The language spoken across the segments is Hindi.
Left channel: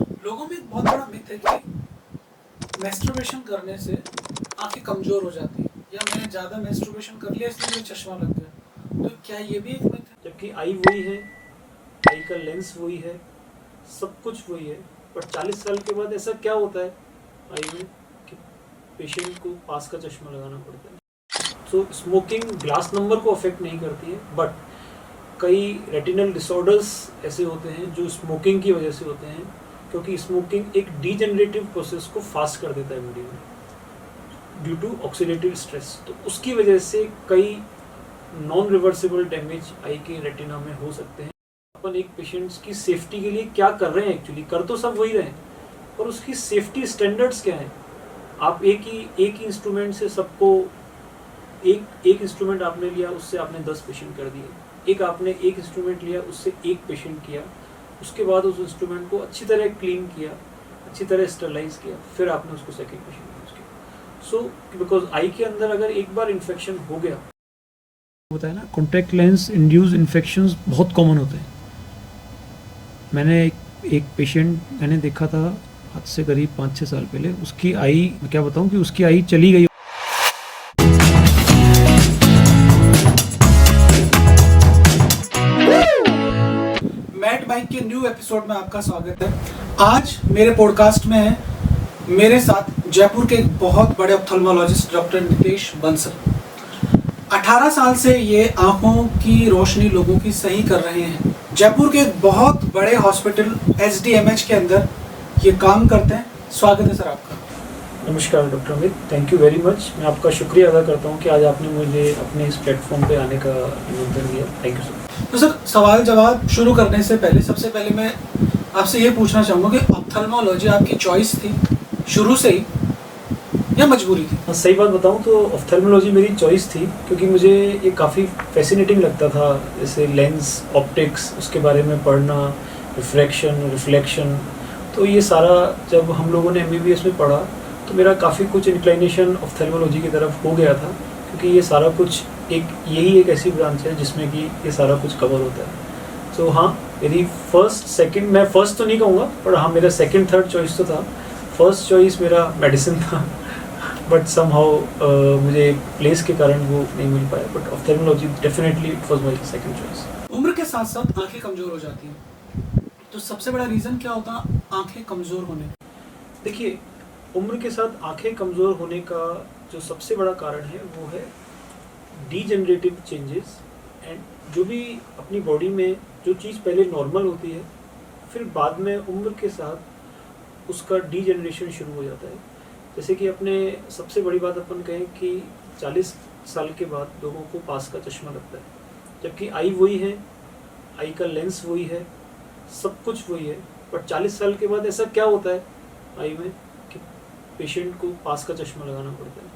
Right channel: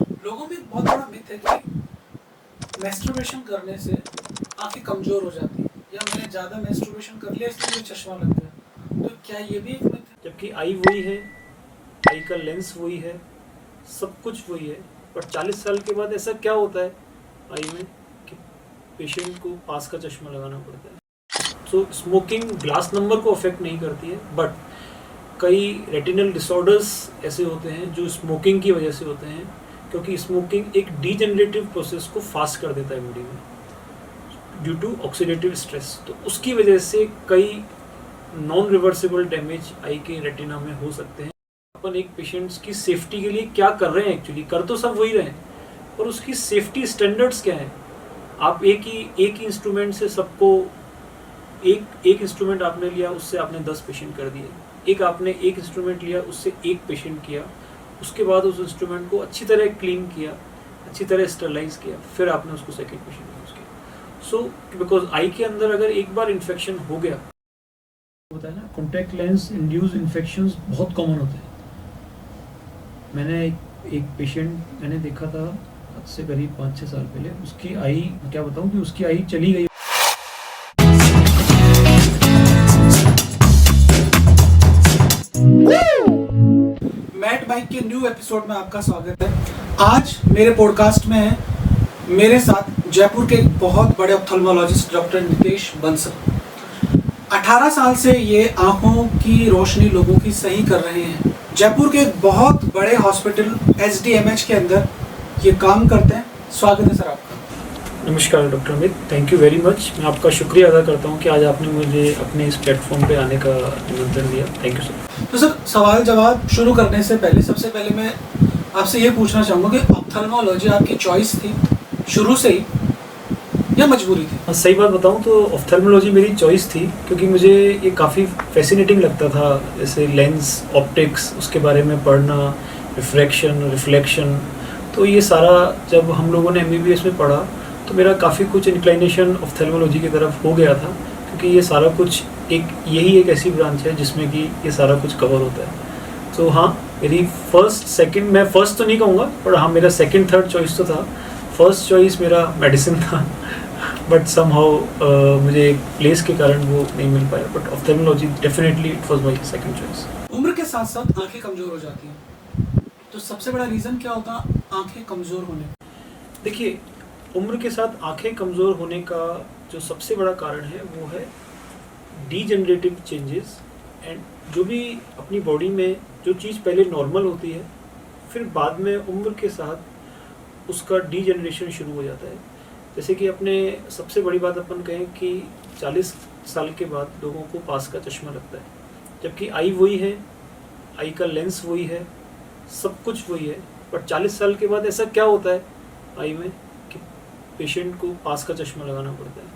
लोगों में एक बहुत बड़ा मिथ है कि मैस्टरबेशन करने से आंखें कमजोर हो जाती है, या मैंने ज़्यादा मैस्टरबेशन कर लिया इसलिए मुझे चश्मा लग गया। तो क्या ये भी एक मिथ है? जबकि आई वही है, आई का लेंस वही है, सब कुछ वही है। और 40 साल के बाद ऐसा क्या होता है आई में कि पेशेंट को पास का चश्मा लगाना पड़ता है। तो स्मोकिंग ग्लास नंबर को अफेक्ट नहीं करती है, बट कई रेटिनल डिसऑर्डर्स ऐसे होते हैं जो स्मोकिंग की वजह से होते हैं, क्योंकि स्मोकिंग एक डीजेनरेटिव प्रोसेस को फास्ट कर देता है बॉडी में ड्यू टू ऑक्सीडेटिव स्ट्रेस। तो उसकी वजह से कई नॉन रिवर्सिबल डैमेज आई के रेटिना में हो सकते हैं। अपन एक पेशेंट्स की सेफ्टी के लिए क्या कर रहे हैं, एक्चुअली कर तो सब वही रहे हैं, पर उसकी सेफ्टी स्टैंडर्ड्स क्या है। आप एक ही इंस्ट्रूमेंट से सबको एक इंस्ट्रूमेंट आपने लिया, उससे आपने 10 पेशेंट कर दिए। एक इंस्ट्रूमेंट लिया, उससे एक पेशेंट किया, उसके बाद उस इंस्ट्रूमेंट को अच्छी तरह क्लीन किया, अच्छी तरह स्टरलाइज किया, फिर आपने उसको सेकेंड पेशेंट यूज किया। सो बिकॉज आई के अंदर अगर एक बार इन्फेक्शन हो गया होता है ना, कॉन्टैक्ट लेंस इंड्यूस इन्फेक्शंस बहुत कॉमन होते हैं। मैंने एक पेशेंट मैंने देखा था आज से करीब 5-6 साल पहले, उसकी आई, क्या बताऊं कि उसकी आई चली गई। मैट बाइक के न्यू एपिसोड में आपका स्वागत है। आज मेरे पॉडकास्ट में है मेरे साथ जयपुर के एक बहुत बड़े ऑप्थेल्मोलॉजिस्ट डॉक्टर नितेश बंसल। 18 साल से ये आंखों की रोशनी लोगों की सही कर रहे हैं। जयपुर के एक बहुत बड़े हॉस्पिटल SDMH के अंदर ये काम करते हैं। स्वागत है सर आपका। नमस्कार doctor Amit, thank you very much. मैं आपका शुक्रिया अदा करता हूँ कि आज आपने मुझे अपने इस प्लेटफॉर्म पे आने का निमंत्रण दिया। Thank you sir. तो सर, सवाल जवाब शुरू करने से पहले सबसे पहले मैं आपसे ये पूछना चाहूँगा कि ऑप्थेल्मोलॉजी आपकी चॉइस थी शुरू से ही या मजबूरी थी? बस सही बात बताऊँ तो ऑप्थेल्मोलॉजी मेरी चॉइस थी, क्योंकि मुझे ये काफ़ी फैसिनेटिंग लगता था। जैसे लेंस, ऑप्टिक्स, उसके बारे में पढ़ना, रिफ्रैक्शन, रिफ्लेक्शन, तो ये सारा जब हम लोगों ने MBBS में पढ़ा तो मेरा काफ़ी कुछ इंक्लिनेशन ऑप्थेल्मोलॉजी की तरफ हो गया था, क्योंकि ये सारा कुछ यही एक ऐसी ब्रांच है जिसमें कि ये सारा कुछ कवर होता है। तो हाँ, मेरी मैं फर्स्ट तो नहीं कहूँगा, पर हाँ मेरा सेकंड थर्ड चॉइस तो था। फर्स्ट चॉइस मेरा मेडिसिन था, बट समहाउ मुझे प्लेस के कारण वो नहीं मिल पाया, but ophthalmology definitely it was my second choice. उम्र के साथ साथ आंखें कमजोर हो जाती हैं, तो सबसे बड़ा रीजन क्या होता है आंखें कमजोर होने का? देखिए, उम्र के साथ आंखें कमज़ोर होने का जो सबसे बड़ा कारण है वो है डीजेनरेटिव चेंजेस। एंड जो भी अपनी बॉडी में जो चीज़ पहले नॉर्मल होती है, फिर बाद में उम्र के साथ उसका डीजेनरेशन शुरू हो जाता है। जैसे कि अपने सबसे बड़ी बात अपन कहें कि 40 साल के बाद लोगों को पास का चश्मा लगता है, जबकि आई वही है, आई का लेंस वही है, सब कुछ वही है। पर 40 साल के बाद ऐसा क्या होता है आई में कि पेशेंट को पास का चश्मा लगाना पड़ता है।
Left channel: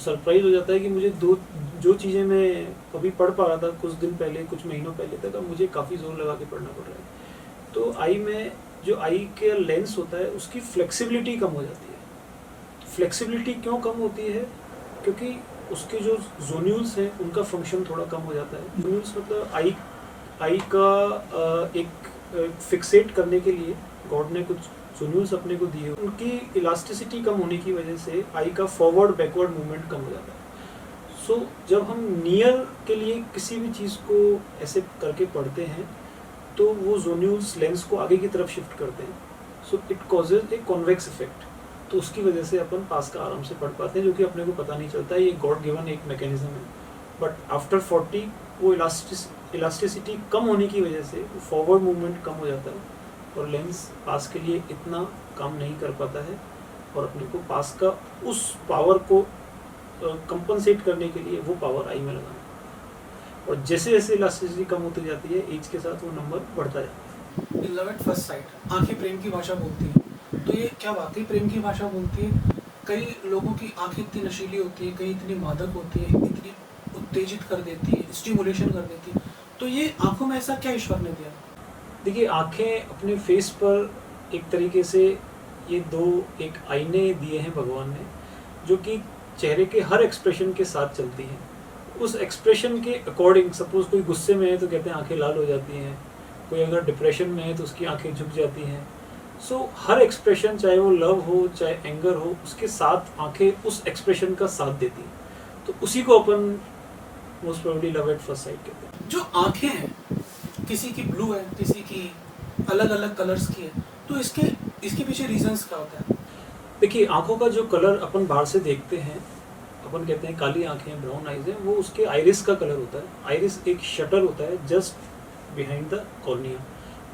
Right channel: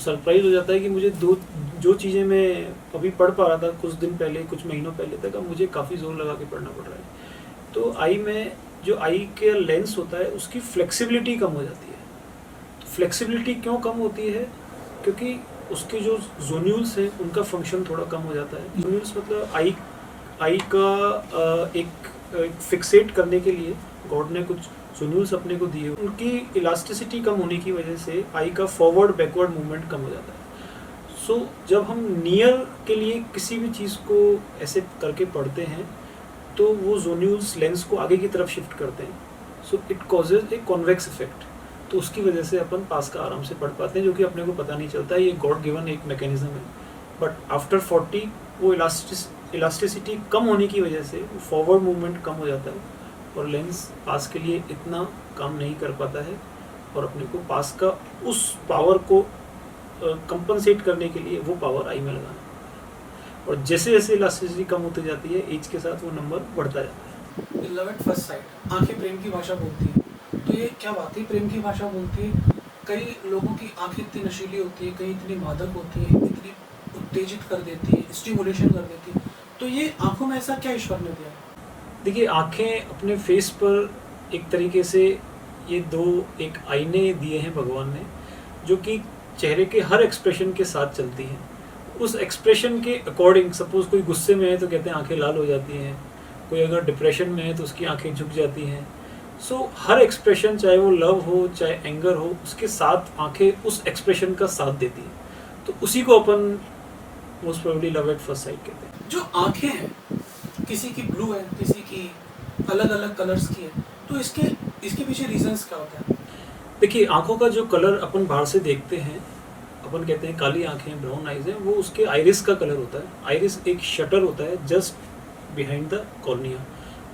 सरप्राइज हो जाता है कि मुझे जो चीज़ें मैं अभी पढ़ पा रहा था कुछ दिन पहले, कुछ महीनों पहले तक, अब मुझे काफ़ी जोर लगा के पढ़ना पड़ रहा है। तो आई में जो आई का लेंस होता है उसकी फ्लेक्सिबिलिटी कम हो जाती है। फ्लेक्सिबिलिटी क्यों कम होती है? क्योंकि उसके जो जोन्यूल्स हैं उनका फंक्शन थोड़ा कम हो जाता है। जोन्यूल्स मतलब आई का एक फिक्सेट करने के लिए गॉड ने कुछ जोन्यूल्स अपने को दिए, उनकी इलास्टिसिटी कम होने की वजह से आई का फॉरवर्ड बैकवर्ड मूवमेंट कम हो जाता है। सो जब हम नियर के लिए किसी भी चीज़ को ऐसे करके पढ़ते हैं तो वो जोन्यूल्स लेंस को आगे की तरफ शिफ्ट करते हैं। So it causes a convex effect. तो उसकी वजह से अपन पास का आराम से पढ़ पाते हैं, जो कि अपने को पता नहीं चलता है। ये गॉड गिवन एक मैकेनिज्म है। बट आफ्टर 40 वो इलास्टिसिटी कम होने की वजह से वो फॉरवर्ड मूवमेंट कम हो जाता है और लेंस पास के लिए इतना काम नहीं कर पाता है, और अपने को पास का उस पावर को कंपनसेट करने के लिए वो पावर आई में लगाना है। और जैसे जैसे इलास्टिसिटी कम होती जाती है एज के साथ वो नंबर बढ़ता है। लव एट फर्स्ट साइट, आंखें प्रेम की भाषा बोलती हैं। तो ये क्या वाकई प्रेम की भाषा बोलती है? कई लोगों की आंखें इतनी नशीली होती है, कई इतनी मादक होती है, इतनी उत्तेजित कर देती है, स्टिमुलेशन कर देती है। तो ये आंखों में ऐसा क्या ईश्वर ने दिया? देखिए, आंखें अपने फेस पर एक तरीके से ये दो एक आईने दिए हैं भगवान ने, जो कि चेहरे के हर एक्सप्रेशन के साथ चलती है। उस एक्सप्रेशन के अकॉर्डिंग, सपोज कोई गुस्से में है तो कहते हैं आंखें लाल हो जाती हैं, कोई अगर डिप्रेशन में है तो उसकी आंखें झुक जाती हैं, सो हर एक्सप्रेशन, चाहे वो लव हो चाहे एंगर हो, उसके साथ आंखें उस एक्सप्रेशन का साथ देती है। तो उसी को अपन most probably love at first sight कहते हैं। जो आंखें हैं, किसी की ब्लू है, किसी की अलग अलग कलर्स की है, तो इसके इसके पीछे रीजंस क्या होते हैं? देखिए, आंखों का जो कलर अपन बाहर से देखते हैं, अपन कहते हैं काली आंखें, ब्राउन आइज है, वो उसके आइरिस का कलर होता है। आइरिस एक शटर होता है जस्ट बिहाइंड द कॉर्निया।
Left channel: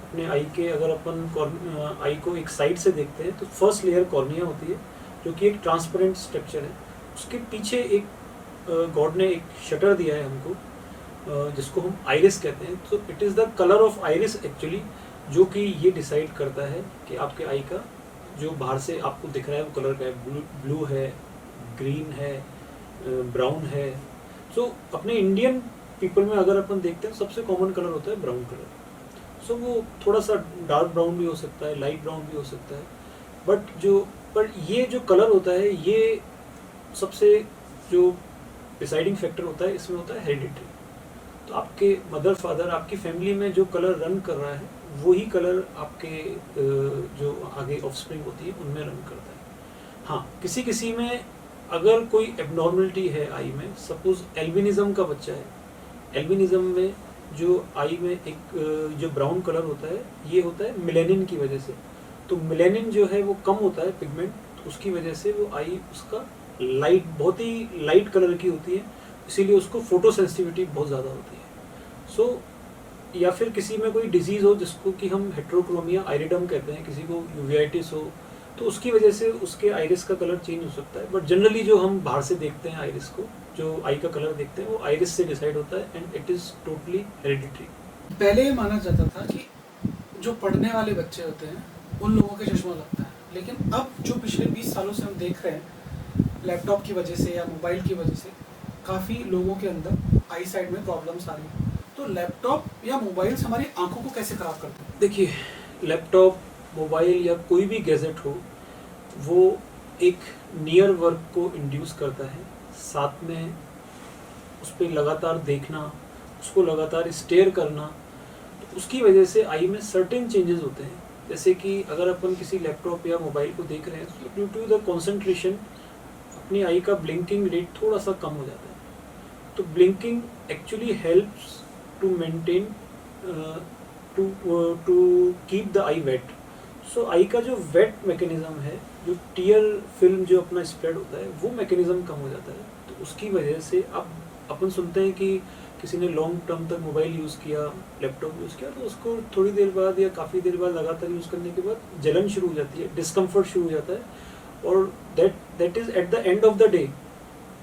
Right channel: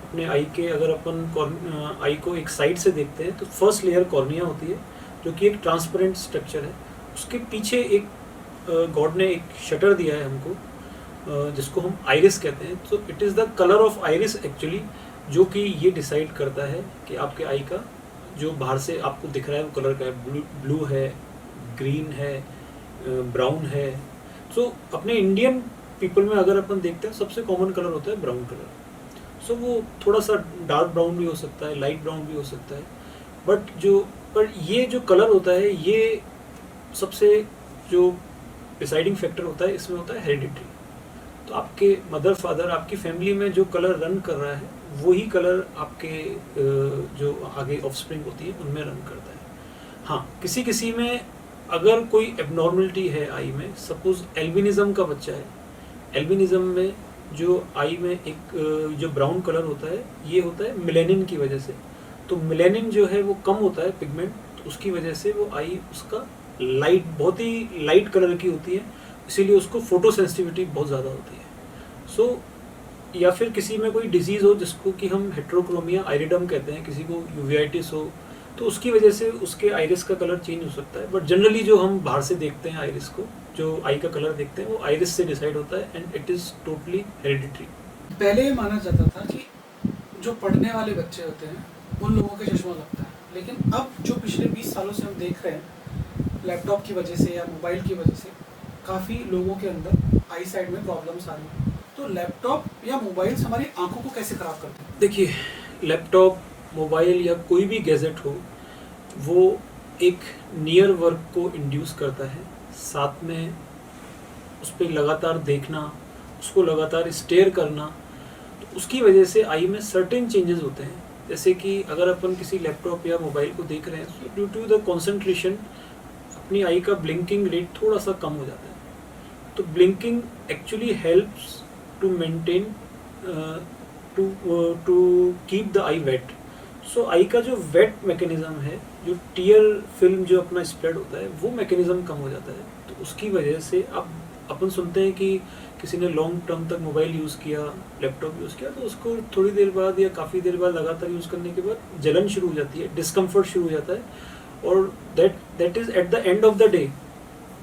अपने आई के, अगर अपन आई को एक साइड से देखते हैं तो फर्स्ट लेयर कॉर्निया होती है, जो कि एक ट्रांसपेरेंट स्ट्रक्चर है। उसके पीछे एक गॉड ने एक शटर दिया है हमको, जिसको हम आइरिस कहते हैं। तो it is the colour of iris actually, जो कि ये डिसाइड करता है कि आपके आई का जो बाहर से आपको दिख रहा है वो कलर का है। ब्लू है, ग्रीन है, ब्राउन है। सो अपने इंडियन पीपल में अगर अपन देखते हैं सबसे कॉमन कलर होता है ब्राउन कलर। सो वो थोड़ा सा डार्क ब्राउन भी हो सकता है, लाइट ब्राउन भी हो सकता है, पर ये जो कलर होता है, ये सबसे जो डिसाइडिंग फैक्टर होता है इसमें होता है हेरिडिटी। तो आपके मदर फादर, आपकी फैमिली में जो कलर रन कर रहा है वही कलर आपके जो आगे ऑफस्प्रिंग होती है उनमें रन करता है। हाँ, किसी किसी में अगर कोई एबनॉर्मलिटी है आई में, सपोज एल्बिनिज्म का बच्चा है, एल्बिनिज्म में जो आई में एक जो ब्राउन कलर होता है, ये होता है मेलेनिन की वजह से। तो मेलेनिन जो है वो कम होता है पिगमेंट, तो उसकी वजह से वो आई उसका लाइट, बहुत ही लाइट कलर की होती है, इसीलिए उसको फोटो सेंसिटिविटी बहुत ज़्यादा होती है। सो या फिर किसी में कोई डिजीज़ हो जिसको कि हम हेट्रोक्रोमिया आइरिडम कहते हैं, किसी को यूवीआइटिस हो, तो उसकी वजह से उसके आइरिस का कलर चेंज हो सकता है। बट जनरली जो हम बाहर से देखते हैं आइरिस को, जो आई का कलर देखते हैं, वो आइरिस से डिसाइड होता है and it is totally hereditary. पहले ये माना जाता था कि जो पढ़ने वाले बच्चे होते हैं उन लोगों के चश्मा लगता है, लेकिन अब जो पिछले 20 सालों से हम देख रहे हैं, लैपटॉप की वजह से या मोबाइल की वजह से काफ़ी लोगों के अंदर आई साइड में प्रॉब्लम्स आ रही हैं। तो लैपटॉप या मोबाइल से हमारी आंखों को कैसे ख़राब करते हैं? देखिए, लैपटॉप, मोबाइल या कोई भी गैजेट हो, वो एक नियर वर्क को इंड्यूस करता है। साथ में उस पर लगातार देखना, उसको लगातार स्टेयर करना, तो उसकी वजह से आई में सर्टेन चेंजेस होते हैं। जैसे कि अगर अपन किसी लैपटॉप या मोबाइल को देख रहे हैं, तो ड्यू टू द कंसंट्रेशन अपनी आई का ब्लिंकिंग रेट थोड़ा सा कम हो जाता है। तो blinking actually helps to maintain to keep the eye wet. So eye का जो वेट मैकेनिज्म है, जो टीयर फिल्म जो अपना स्प्रेड होता है, वो मैकेनिज्म कम हो जाता है। तो उसकी वजह से अब अपन सुनते हैं कि किसी ने लॉन्ग टर्म तक मोबाइल यूज़ किया, लैपटॉप यूज़ किया, तो उसको थोड़ी देर बाद या काफ़ी देर बाद लगातार यूज़ करने के बाद जलन शुरू हो जाती है, डिस्कम्फर्ट शुरू हो जाता है, और that is at the end of the day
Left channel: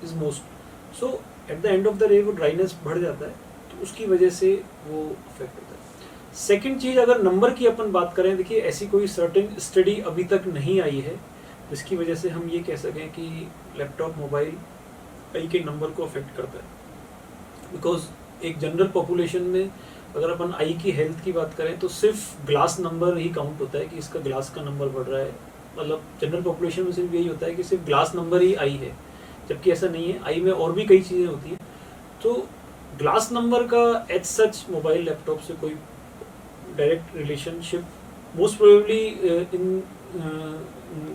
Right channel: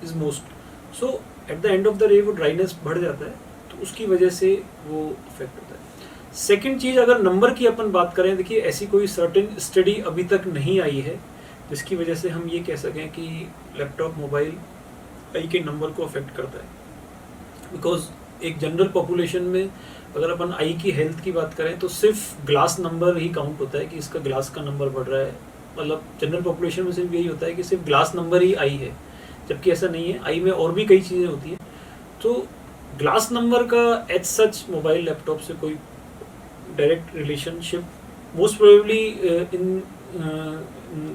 is most. So at the end of the day वो ड्राइनेस बढ़ जाता है, तो उसकी वजह से वो अफेक्ट होता है। सेकेंड चीज़, अगर नंबर की अपन बात करें, देखिए ऐसी कोई सर्टेन स्टडी अभी तक नहीं आई है जिसकी वजह से हम ये कह सकें कि लैपटॉप, मोबाइल आई के नंबर को अफेक्ट करता है। बिकॉज एक जनरल पॉपुलेशन में अगर अपन आई की हेल्थ की बात करें तो सिर्फ ग्लास नंबर ही काउंट होता है कि इसका ग्लास का नंबर बढ़ रहा है। मतलब जनरल पॉपुलेशन में सिर्फ यही होता है कि सिर्फ ग्लास नंबर ही आई है, जबकि ऐसा नहीं है। आई में और भी कई चीज़ें होती हैं। तो ग्लास नंबर का एज सच मोबाइल, लैपटॉप से कोई direct relationship most probably in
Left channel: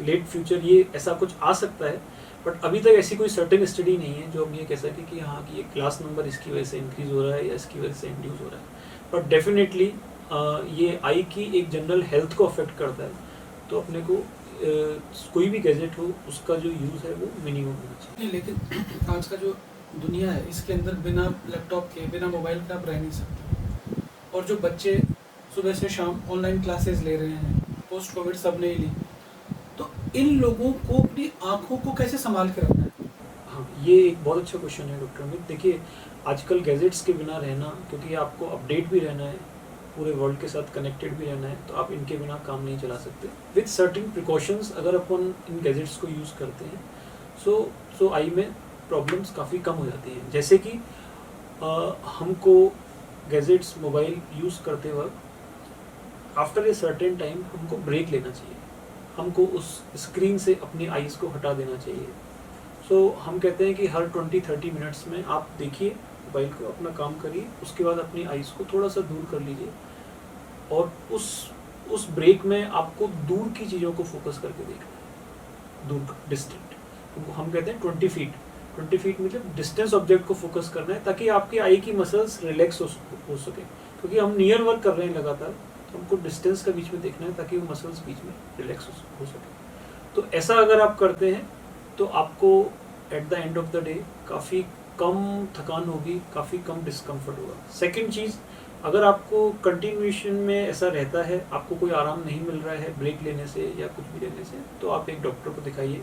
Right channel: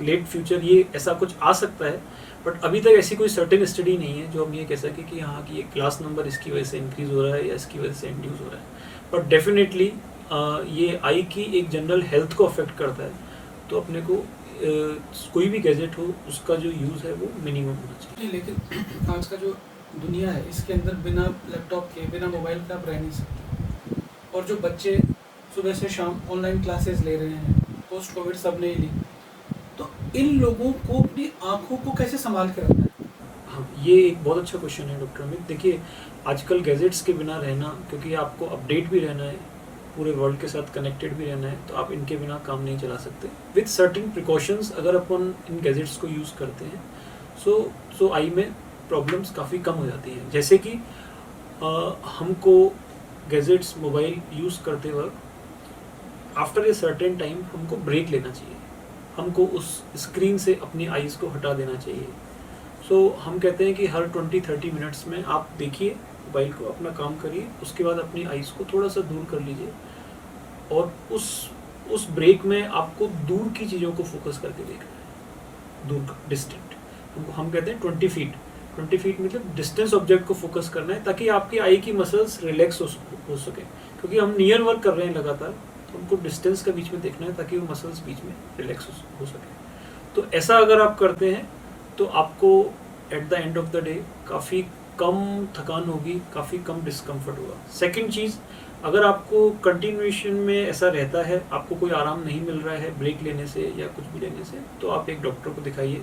late future ये ऐसा कुछ आ सकता है, बट अभी तक ऐसी कोई सर्टेन स्टडी नहीं है जो हम ये कह सकें कि हाँ कि ये क्लास नंबर इसकी वजह से इंक्रीज हो रहा है या इसकी वजह से इंड्यूस हो रहा है। बट डेफिनेटली ये आई की एक जनरल हेल्थ को अफेक्ट करता है। तो अपने को कोई भी गैजेट हो उसका जो यूज़ है वो मिनिमम होना चाहिए। नहीं, लेकिन आज का जो दुनिया है इसके अंदर बिना लैपटॉप के, बिना मोबाइल के आप रह नहीं सकते। और जो बच्चे सुबह से शाम ऑनलाइन क्लासेस ले रहे हैं, पोस्ट कोविड सबने ही ली, तो इन लोगों को अपनी आंखों को कैसे संभाल के रखना है? हाँ, ये एक बहुत अच्छा क्वेश्चन है डॉक्टर अमित। देखिए, आजकल गैजेट्स के बिना रहना, क्योंकि आपको अपडेट भी रहना है, पूरे वर्ल्ड के साथ कनेक्टेड भी रहना है, तो आप इनके बिना काम नहीं चला सकते। विथ सर्टेन प्रिकॉशंस अगर अपन इन गैजेट्स को यूज़ करते हैं, सो आई में प्रॉब्लम्स काफ़ी कम हो जाती हैं। जैसे कि हमको गैजेट्स, मोबाइल यूज़ करते वक्त आफ्टर ए सर्टेन टाइम हमको ब्रेक लेना चाहिए, हमको उस स्क्रीन से अपनी आइज़ को हटा देना चाहिए। सो हम कहते हैं कि हर 20-30 मिनट्स में आप देखिए मोबाइल को, अपना काम करिए, उसके बाद अपनी आइज़ को थोड़ा सा दूर कर लीजिए और उस ब्रेक में आपको दूर की चीज़ों को फोकस करके देखना है, दूर डिस्टेंट, हम कहते हैं 20 फीट मतलब डिस्टेंस ऑब्जेक्ट को फोकस करना है, ताकि आपकी आई की मसल्स रिलैक्स हो सके, क्योंकि हम नियर वर्क कर रहे हैं लगातार, तो हमको डिस्टेंस का बीच में देखना है ताकि वो मसल्स बीच में रिलैक्स हो सके। तो ऐसा अगर आप करते हैं तो आपको at the end of the day काफ़ी कम थकान होगी, काफ़ी कम डिस्कम्फर्ट होगा। सेकेंड चीज़, अगर आपको कंटिन्यूएशन में ऐसा रहता है, आपको कोई आराम नहीं मिल रहा है ब्रेक लेने से या कुछ भी लेने से, तो आप एक डॉक्टर को दिखाइए।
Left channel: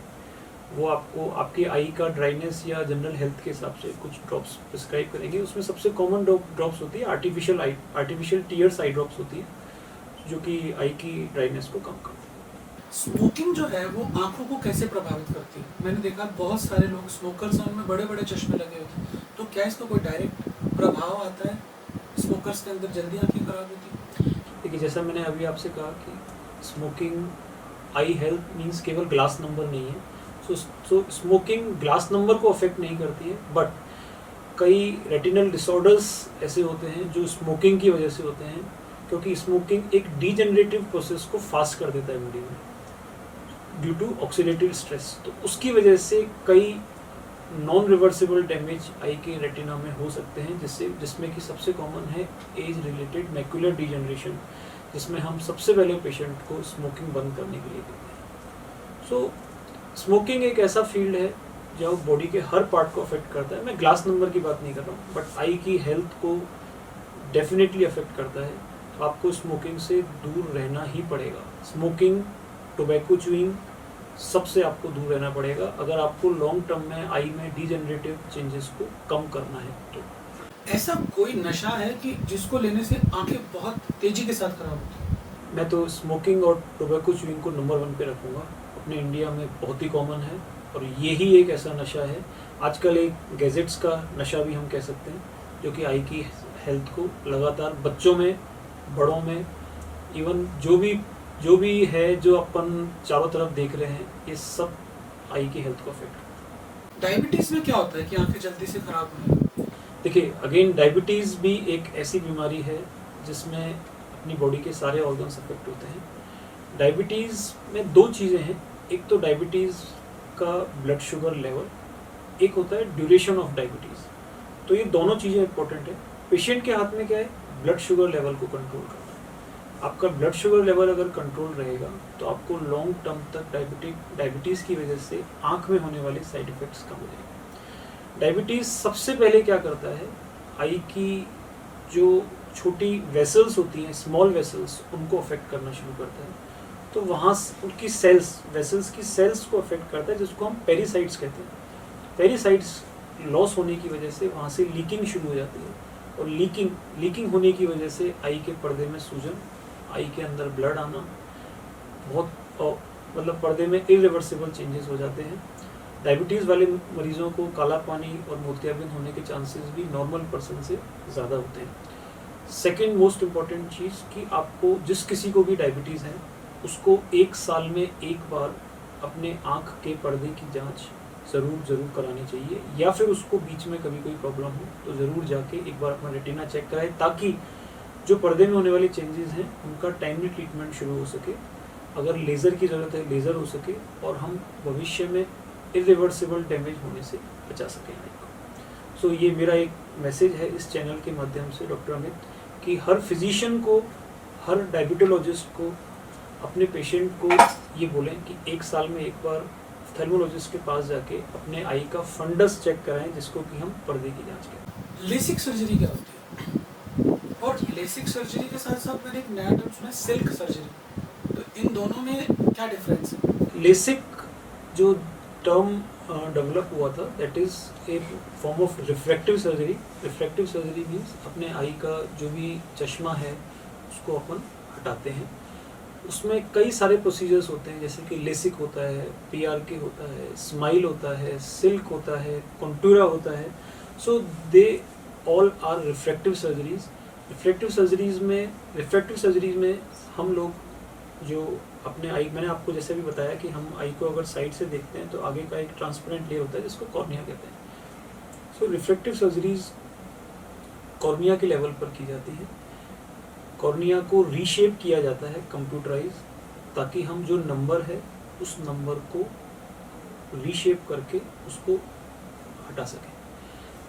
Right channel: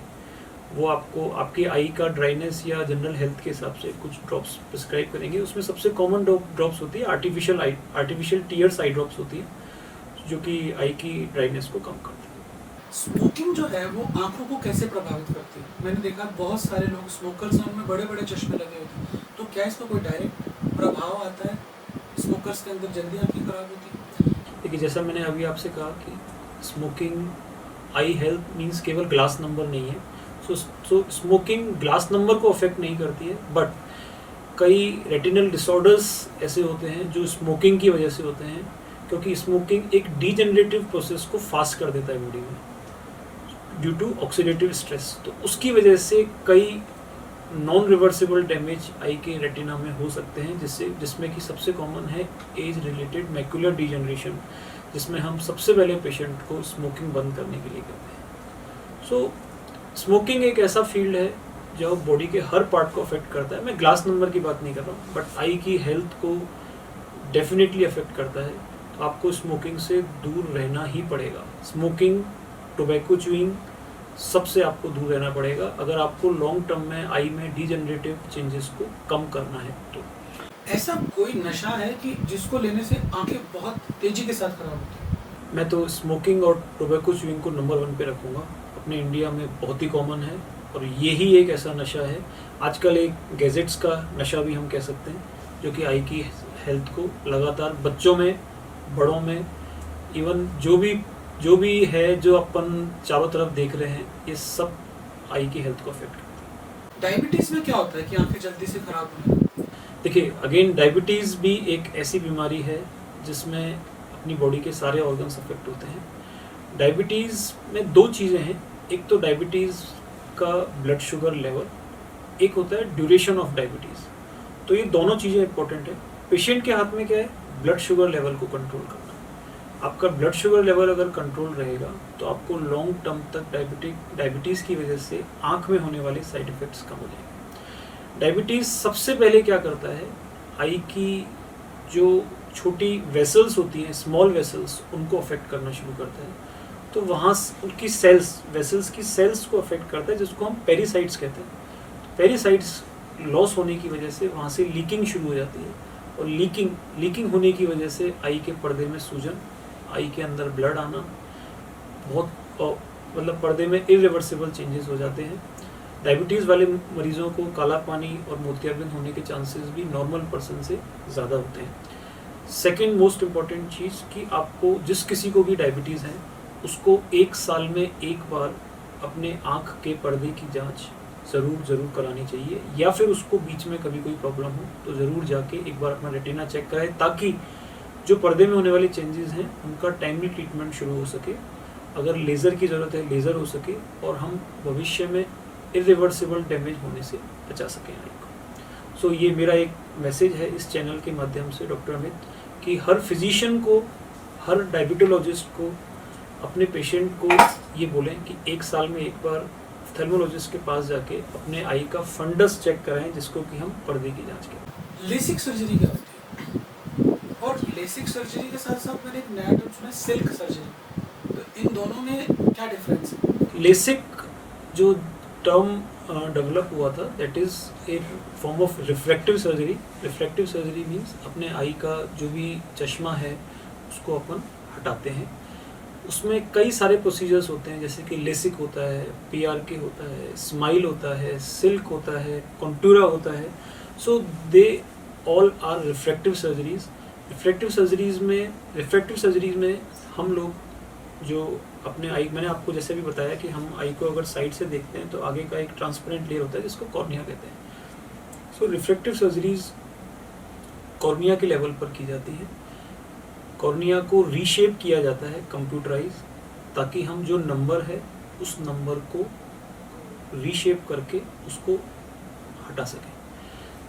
वो आपको आपकी आई का ड्राइनेस या जनरल हेल्थ के हिसाब से कुछ ड्रॉप्स प्रिस्क्राइब करेंगे। उसमें सबसे कॉमन ड्रॉप्स होती है आर्टिफिशियल टीयर्स आई ड्रॉप्स होती है, जो कि आई की ड्राइनेस को कम करती है। स्मोकिंग जो है वो आंखों को कैसे प्रभावित करती है? मैंने देखा बहुत सारे लोग स्मोकर्स हैं, उनमें बड़े बड़े चश्मे लगे होते हैं, तो क्या इसका कोई डायरेक्ट प्रभाव आता है? स्मोकर्स के अंदर जल्दी आंखें खराब होती है? देखिए, जैसा मैंने अभी आपसे कहा कि स्मोकिंग आई हेल्थ मीन्स केवल ग्लास नंबर नहीं है। सो स्मोकिंग ग्लास नंबर को अफेक्ट नहीं करती है, बट कई रेटिनल डिसऑर्डर्स ऐसे होते हैं जो स्मोकिंग की वजह से होते हैं, क्योंकि स्मोकिंग एक डीजेनरेटिव प्रोसेस को फास्ट कर देता है बॉडी में ड्यू टू ऑक्सीडेटिव स्ट्रेस। तो उसकी वजह से कई नॉन रिवर्सिबल डैमेज आई के रेटिना में हो सकते हैं, जिसमें कि सबसे कॉमन है एज रिलेटेड मैक्युलर डीजनरेशन, जिसमें हम सबसे पहले पेशेंट को स्मोकिंग बंद करने के लिए करते हैं। सो स्मोकिंग एक ऐसा फील्ड है जो बॉडी के हर पार्ट को अफेक्ट करता है। मैं ग्लास नंबर की बात नहीं कर रहा हूँ, बट आई की हेल्थ को डेफिनेटली अफेक्ट करता है। तो आपको स्मोकिंग से दूर रहना ही पड़ेगा। स्मोकिंग, टोबैको च्यूइंग, सबसे आपको दूर रहना पड़ेगा अगर आपको लॉन्ग टर्म में आई में डीजनरेटिव चेंजेस को कम करना है। तो ऐसा कोई नशा है कि जिसको लेने से आंखें बहुत तेजी के साथ खराब होती है? मैं तो स्मोकिंग और टोबैको च्यूइंग को नंबर 1 पे रखूँगा। अपने इंडिया में बहुत ही कॉमन है और यही एक ऐसा नशा है, आजकल एक गैजेट्स का नशा भी हम कह सकते हैं, जो कि आई की हेल्थ को लगातार बच्चों में, बड़ों में, इवन जो भी है जो अपन चारों तरफ देख रहे हैं, ये सब आई की हेल्थ को अफेक्ट करता है। डायबिटीज में क्या होता है कि आंखें जल्दी से खराब होने लगती हैं? देखिए, अगेन डायबिटीज़ भी एक ऐसी बीमारी है जिसमें अपनी बॉडी के सारे ऑर्गन्स अफेक्ट होते हैं। डायबिटीज़ में 2 चीज़ें हैं, एक तो डायबिटीज़ का ब्लड शुगर लेवल, एक होता है ड्यूरेशन ऑफ डायबिटीज़। तो ये दोनों चीज़ें इंपॉर्टेंट है। पेशेंट के हाथ में क्या है, ब्लड शुगर लेवल को कंट्रोल करना। आपका ब्लड शुगर लेवल अगर कंट्रोल रहेगा तो आपको लॉन्ग टर्म तक डायबिटीज़ की वजह से आँख में होने वाले साइड इफ़ेक्ट्स कम हो जाएंगे। डायबिटीज़ सबसे पहले क्या करता है, आई की जो छोटी वेसल्स होती हैं, स्मॉल वेसल्स, उनको अफेक्ट करना शुरू करता है। तो वहाँ उनकी सेल्स, वेसल्स की सेल्स को अफेक्ट करता है, जिसको हम पेरिसाइट्स कहते हैं। पेरिसाइट्स लॉस होने की वजह से वहाँ से लीकिंग शुरू हो जाती है, और लीकिंग होने की वजह से आई के पर्दे में सूजन, आई के अंदर ब्लड आना, बहुत मतलब पर्दे में इरिवर्सिबल चेंजेस हो जाते हैं। डायबिटीज़ वाले मरीजों को काला पानी और मोतियाबिंद होने के चांसेस भी नॉर्मल पर्सन से ज़्यादा होते हैं। सेकेंड मोस्ट इम्पॉर्टेंट चीज़ कि आपको, जिस किसी को भी डायबिटीज़ है, उसको 1 साल में एक बार अपने आँख के पर्दे की जांच ज़रूर करानी चाहिए, या फिर उसको बीच में कभी कोई प्रॉब्लम हो तो ज़रूर जाके एक बार अपना रेटिना चेक कराए, ताकि जो पर्दे में होने वाले चेंजेस हैं उनका टाइमली ट्रीटमेंट शुरू हो सके। अगर लेज़र की ज़रूरत है, लेज़र हो सके, और हम भविष्य में इरिवर्सिबल डैमेज होने से बचा सकें। सो ये मेरा एक मैसेज है इस चैनल के माध्यम से डॉक्टर अमित, कि हर फिजिशियन को, हर डायबिटोलॉजिस्ट को अपने पेशेंट को ये बोलें कि 1 साल में एक बार ऑप्थेल्मोलॉजिस्ट के पास जाके अपने आई का फंडस चेक कराएं, जिसको कि हम पर्दे की जांच करें। लेसिक सर्जरी क्या होती है? और लेसिक सर्जरी के साथ साथ मैंने एक नया टर्म सुना, सिल्क सर्जरी, तो इन दोनों में क्या डिफरेंस है? लेसिक जो टर्म डेवलप हुआ था, that is a form of reflective surgery. Reflective surgery means अपने आई का जो भी चश्मा है उसको अपन हटाते हैं। उसमें कई सारे प्रोसीजर्स होते हैं, जैसे कि लेसिक होता है, PRK होता है, स्माइल होता है, सिल्क होता है, कॉन्टूरा होता है। So they all are reflective surgeries. Reflective surgeries में हम लोग जो अपने आई, मैंने आपको जैसे भी बताया कि हम आई को अगर साइड से देखते हैं तो आगे का एक ट्रांसपेरेंट लेयर होता है जिसको कॉर्निया कहते हैं। सो रिफ्लेक्टिव सर्जरीज कॉर्निया के लेवल पर की जाती है। कॉर्निया को रीशेप किया जाता है कंप्यूटराइज, ताकि हम जो नंबर है उस नंबर को रीशेप करके उसको हटा सकें।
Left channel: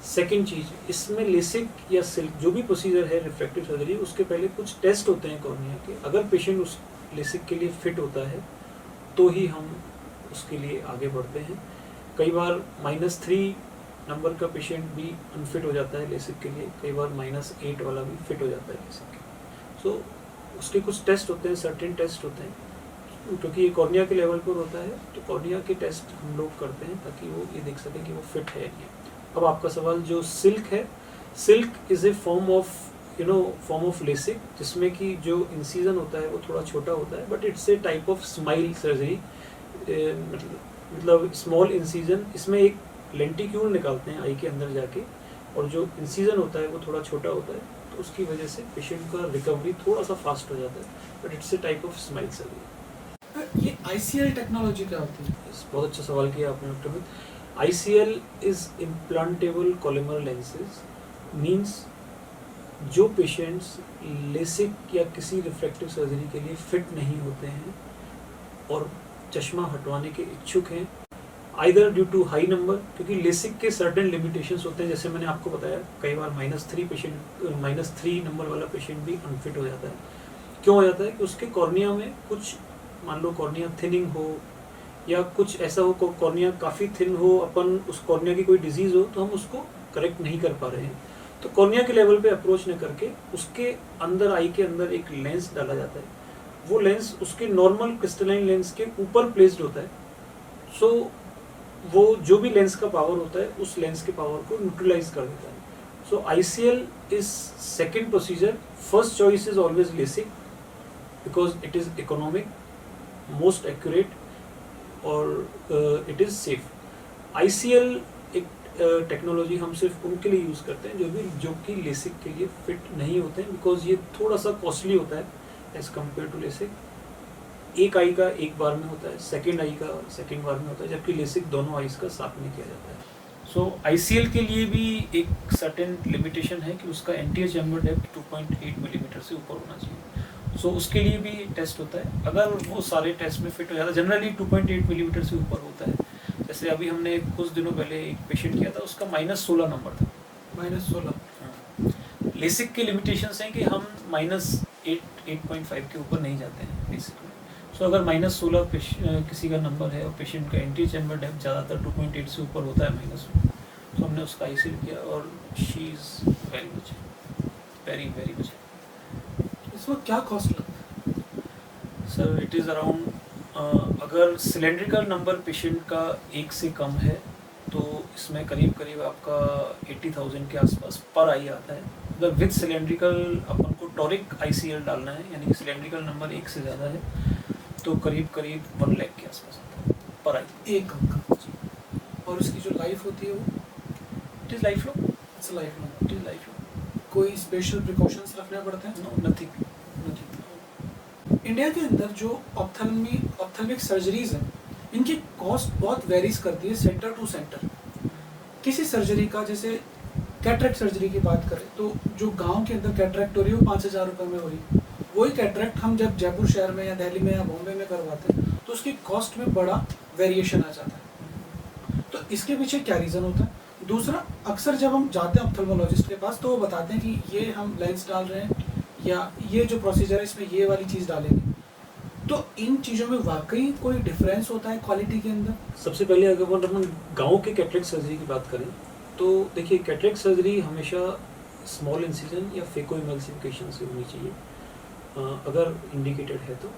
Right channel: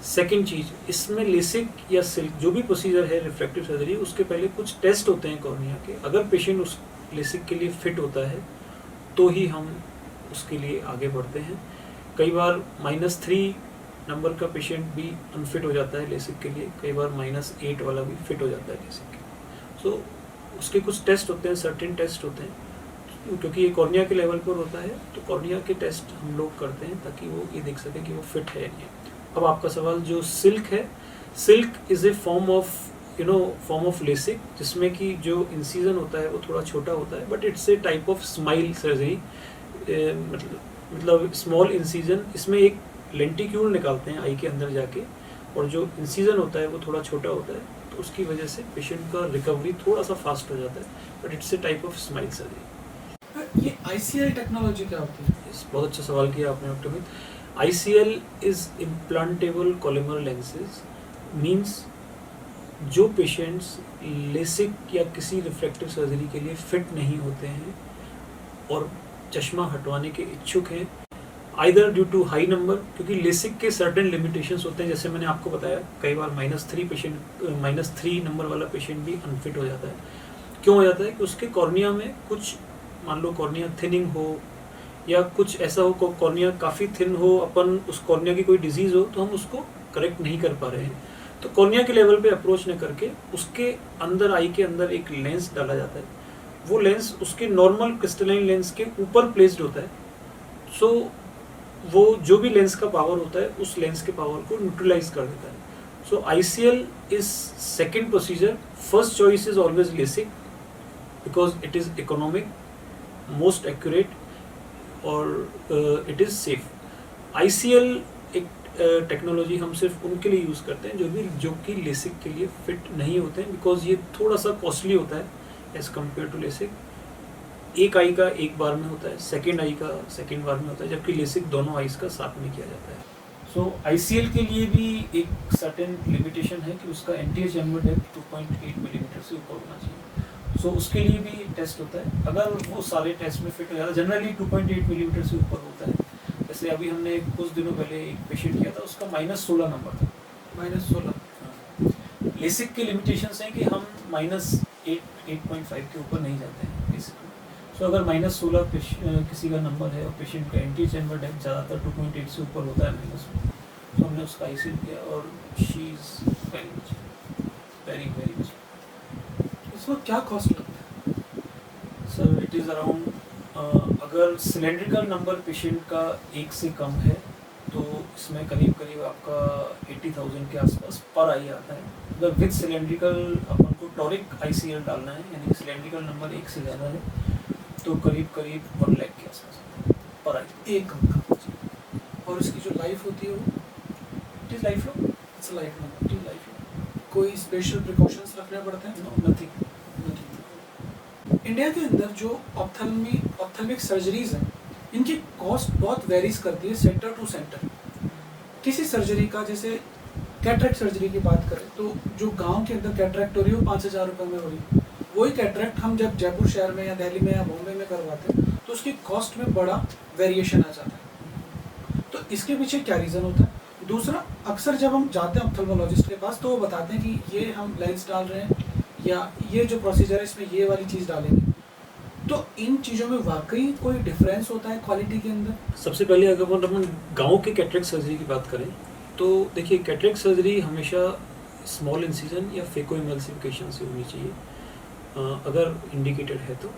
सेकेंड चीज़, इसमें लेसिक या सिल्क जो भी प्रोसीजर है रिफ्रैक्टिव सर्जरी, उसके पहले कुछ टेस्ट होते हैं कॉर्निया के। अगर पेशेंट उस लेसिक के लिए फिट होता है तो ही हम उसके लिए आगे बढ़ते हैं। कई बार -3 नंबर का पेशेंट भी अनफिट हो जाता है लेसिक के लिए, कई बार -8 वाला भी फिट हो जाता है लेसिक के लिए। सो उसके कुछ टेस्ट होते हैं, सर्टेन टेस्ट होते हैं, क्योंकि ये कॉर्निया के लेवल पर होता है तो कॉर्निया के टेस्ट हम लोग करते हैं ताकि वो ये देख सकें कि वो फिट है या नहीं। अब आपका सवाल जो सिल्क है, silk is a form of LASIK, जिसमें कि जो इंसीजन होता है वो थोड़ा छोटा होता है, but it's a type of smile surgery. मतलब स्मॉल इंसीजन, इसमें एक लेंटिक्यूल निकालते हैं आई के अंदर जाके, और जो इंसीजन होता है वो थोड़ा छोटा होता है, तो उसकी वजह से पेशेंट का रिकवरी थोड़ा सा फास्ट हो जाता है, but it's a type of smile surgery. ये ICL टेक्नोलॉजी क्या होती है? बहुत अच्छा सवाल किया आपने डॉक्टर मित। ICL is implantable columnar lenses, means जो पेशेंट्स लेसिक या किसी रिफ्रैक्टिव सर्जरी के लिए फिट नहीं होते हैं और चश्मा हटवाने के इच्छुक हैं, either due to high number, क्योंकि लेसिक के सर्टेन लिमिटेशंस होते हैं, जैसे मैंने आपको बताया कई बार -3 नंबर वाला पेशेंट भी अनफिट हो जाता है। क्यों हो जाता है कि उसके कॉर्निया में कुछ, मान लो कॉर्निया थिनिंग हो या कुछ ऐसा हो, कॉर्निया काफ़ी थिन हो, अपन उस कॉर्निया की कोई डिजीज़ हो तो हम उसको करेक्ट नहीं कर पा रहे हैं, तो कॉर्निया के लेवल पे अप्रोच न करके उसके अंदर, आई के अंदर एक लेंस डाला जाता है। वो लेंस उसकी नॉर्मल क्रिस्टलाइन लेंस के ऊपर प्लेस्ड होता है। सो वो जो भी लेंस का पावर होता है उस लेंस के पावर को न्यूट्रलाइज कर देता है। सो ICL is second procedure. First choice is always LASIK because it is economic, most accurate और इट इज सेफ। ICL एक टेक्नोलॉजी हम सिर्फ उनके लिए यूज़ करते हैं जो कि लेसिक के लिए फिट नहीं होते हैं, बिकॉज ये थोड़ा सा कॉस्टली होता है एज कम्पेयर टू लेसिक। एक आई का एक बार में होता है, सेकेंड आई का सेकेंड बार में होता है, जबकि लेसिक दोनों आईज का साथ में किया जाता है। सो ICL के लिए भी एक सर्टेन लिमिटेशन है कि उसका एंटीरियर चैम्बर डेप्थ 2.8 मिलीमीटर से ऊपर होना चाहिए। सो उसके लिए भी एक टेस्ट होता है, अगर वो सारे टेस्ट में फिट हो जाता है, जनरली 2.8 मिलीमीटर से ऊपर होता है। जैसे अभी हमने कुछ दिनों पहले एक पेशेंट किया था, उसका -16 नंबर था। -16। लेसिक के लिमिटेशंस हैं कि हम -8.5 के ऊपर नहीं जाते हैं बेसिकली। सो अगर -16 किसी का नंबर है और पेशेंट का एंटीरियर चैम्बर डेप्थ ज़्यादातर 2.8 से ऊपर होता है -, तो हमने उसका ICL किया और she is very much very much. इसमें क्या कॉस्ट लगता है? सर इट इज़ अराउंड, अगर सिलेंड्रिकल नंबर पेशेंट का 1 से कम है तो इसमें करीब आपका 80,000 के आसपास पर आई आता है। अगर विद सिलेंड्रिकल अपन को टॉरिक ICL डालना है, यानी सिलेंड्रिकल नंबर 1 से ज़्यादा है, तो करीब 1 लाख के आसपास आता है पर आई। एक। और इसकी जो लाइफ होती है वो it is life long. It's life में इट इज़ लाइफ लॉन्ग। कोई स्पेशल प्रिकॉशंस रखने पड़ते हैं? नथिंग। इंडिया के अंदर जो ऑप्थेल्मिक सर्जरीज हैं, इनकी कॉस्ट बहुत वेरीज करती है सेंटर टू सेंटर। किसी सर्जरी का, जैसे कैटरेक्ट सर्जरी की बात करें तो जो गांव के अंदर कैटरेक्ट हो रही है वो 5,000 रुपये में हो रही है, वही कैटरेक्ट हम जब जयपुर शहर में या दिल्ली में या बॉम्बे में करवाते हैं तो उसकी कॉस्ट में बड़ा वेरिएशन आ जाता है। तो इसके पीछे क्या रीज़न होता है? दूसरा, अक्सर जब हम जाते हैं ऑप्थेल्मोलॉजिस्ट के पास तो वो बताते हैं कि ये हम लेंस डाल रहे हैं या ये जो प्रोसीजर है इसमें ये वाली चीज़ डालेंगे। तो इन चीज़ों में वाकई कोई डिफरेंस होता है क्वालिटी के अंदर? सबसे पहले अगर हम गांव की कैटरेक्ट सर्जरी की बात करें तो देखिए, कैटरेक्ट सर्जरी हमेशा स्मॉल इंसिजन या फेको एमल्सिफिकेशन से होनी चाहिए। अगर इंडिकेटेड है तो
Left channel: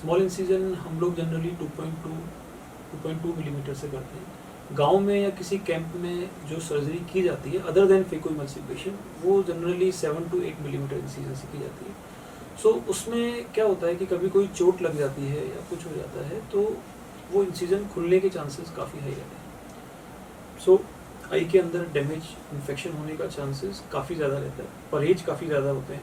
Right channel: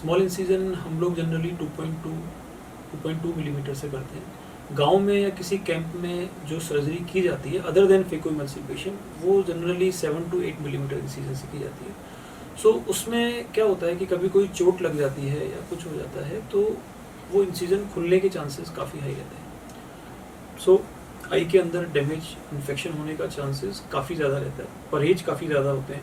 स्मॉल इंसिजन हम लोग जनरली 2.2 मिलीमीटर से करते हैं। गांव में या किसी कैंप में जो सर्जरी की जाती है अदर देन फेको एमल्सिफिकेशन, वो जनरली 7 to 8 मिलीमीटर इंसिजन से की जाती है। सो उसमें क्या होता है कि कभी कोई चोट लग जाती है या कुछ हो जाता है तो वो इंसिजन खुलने के चांसेस काफ़ी हाई रहते हैं। सो आई के अंदर डैमेज, इन्फेक्शन होने का चांसेस काफ़ी ज़्यादा रहता है, परहेज काफ़ी ज़्यादा होते हैं।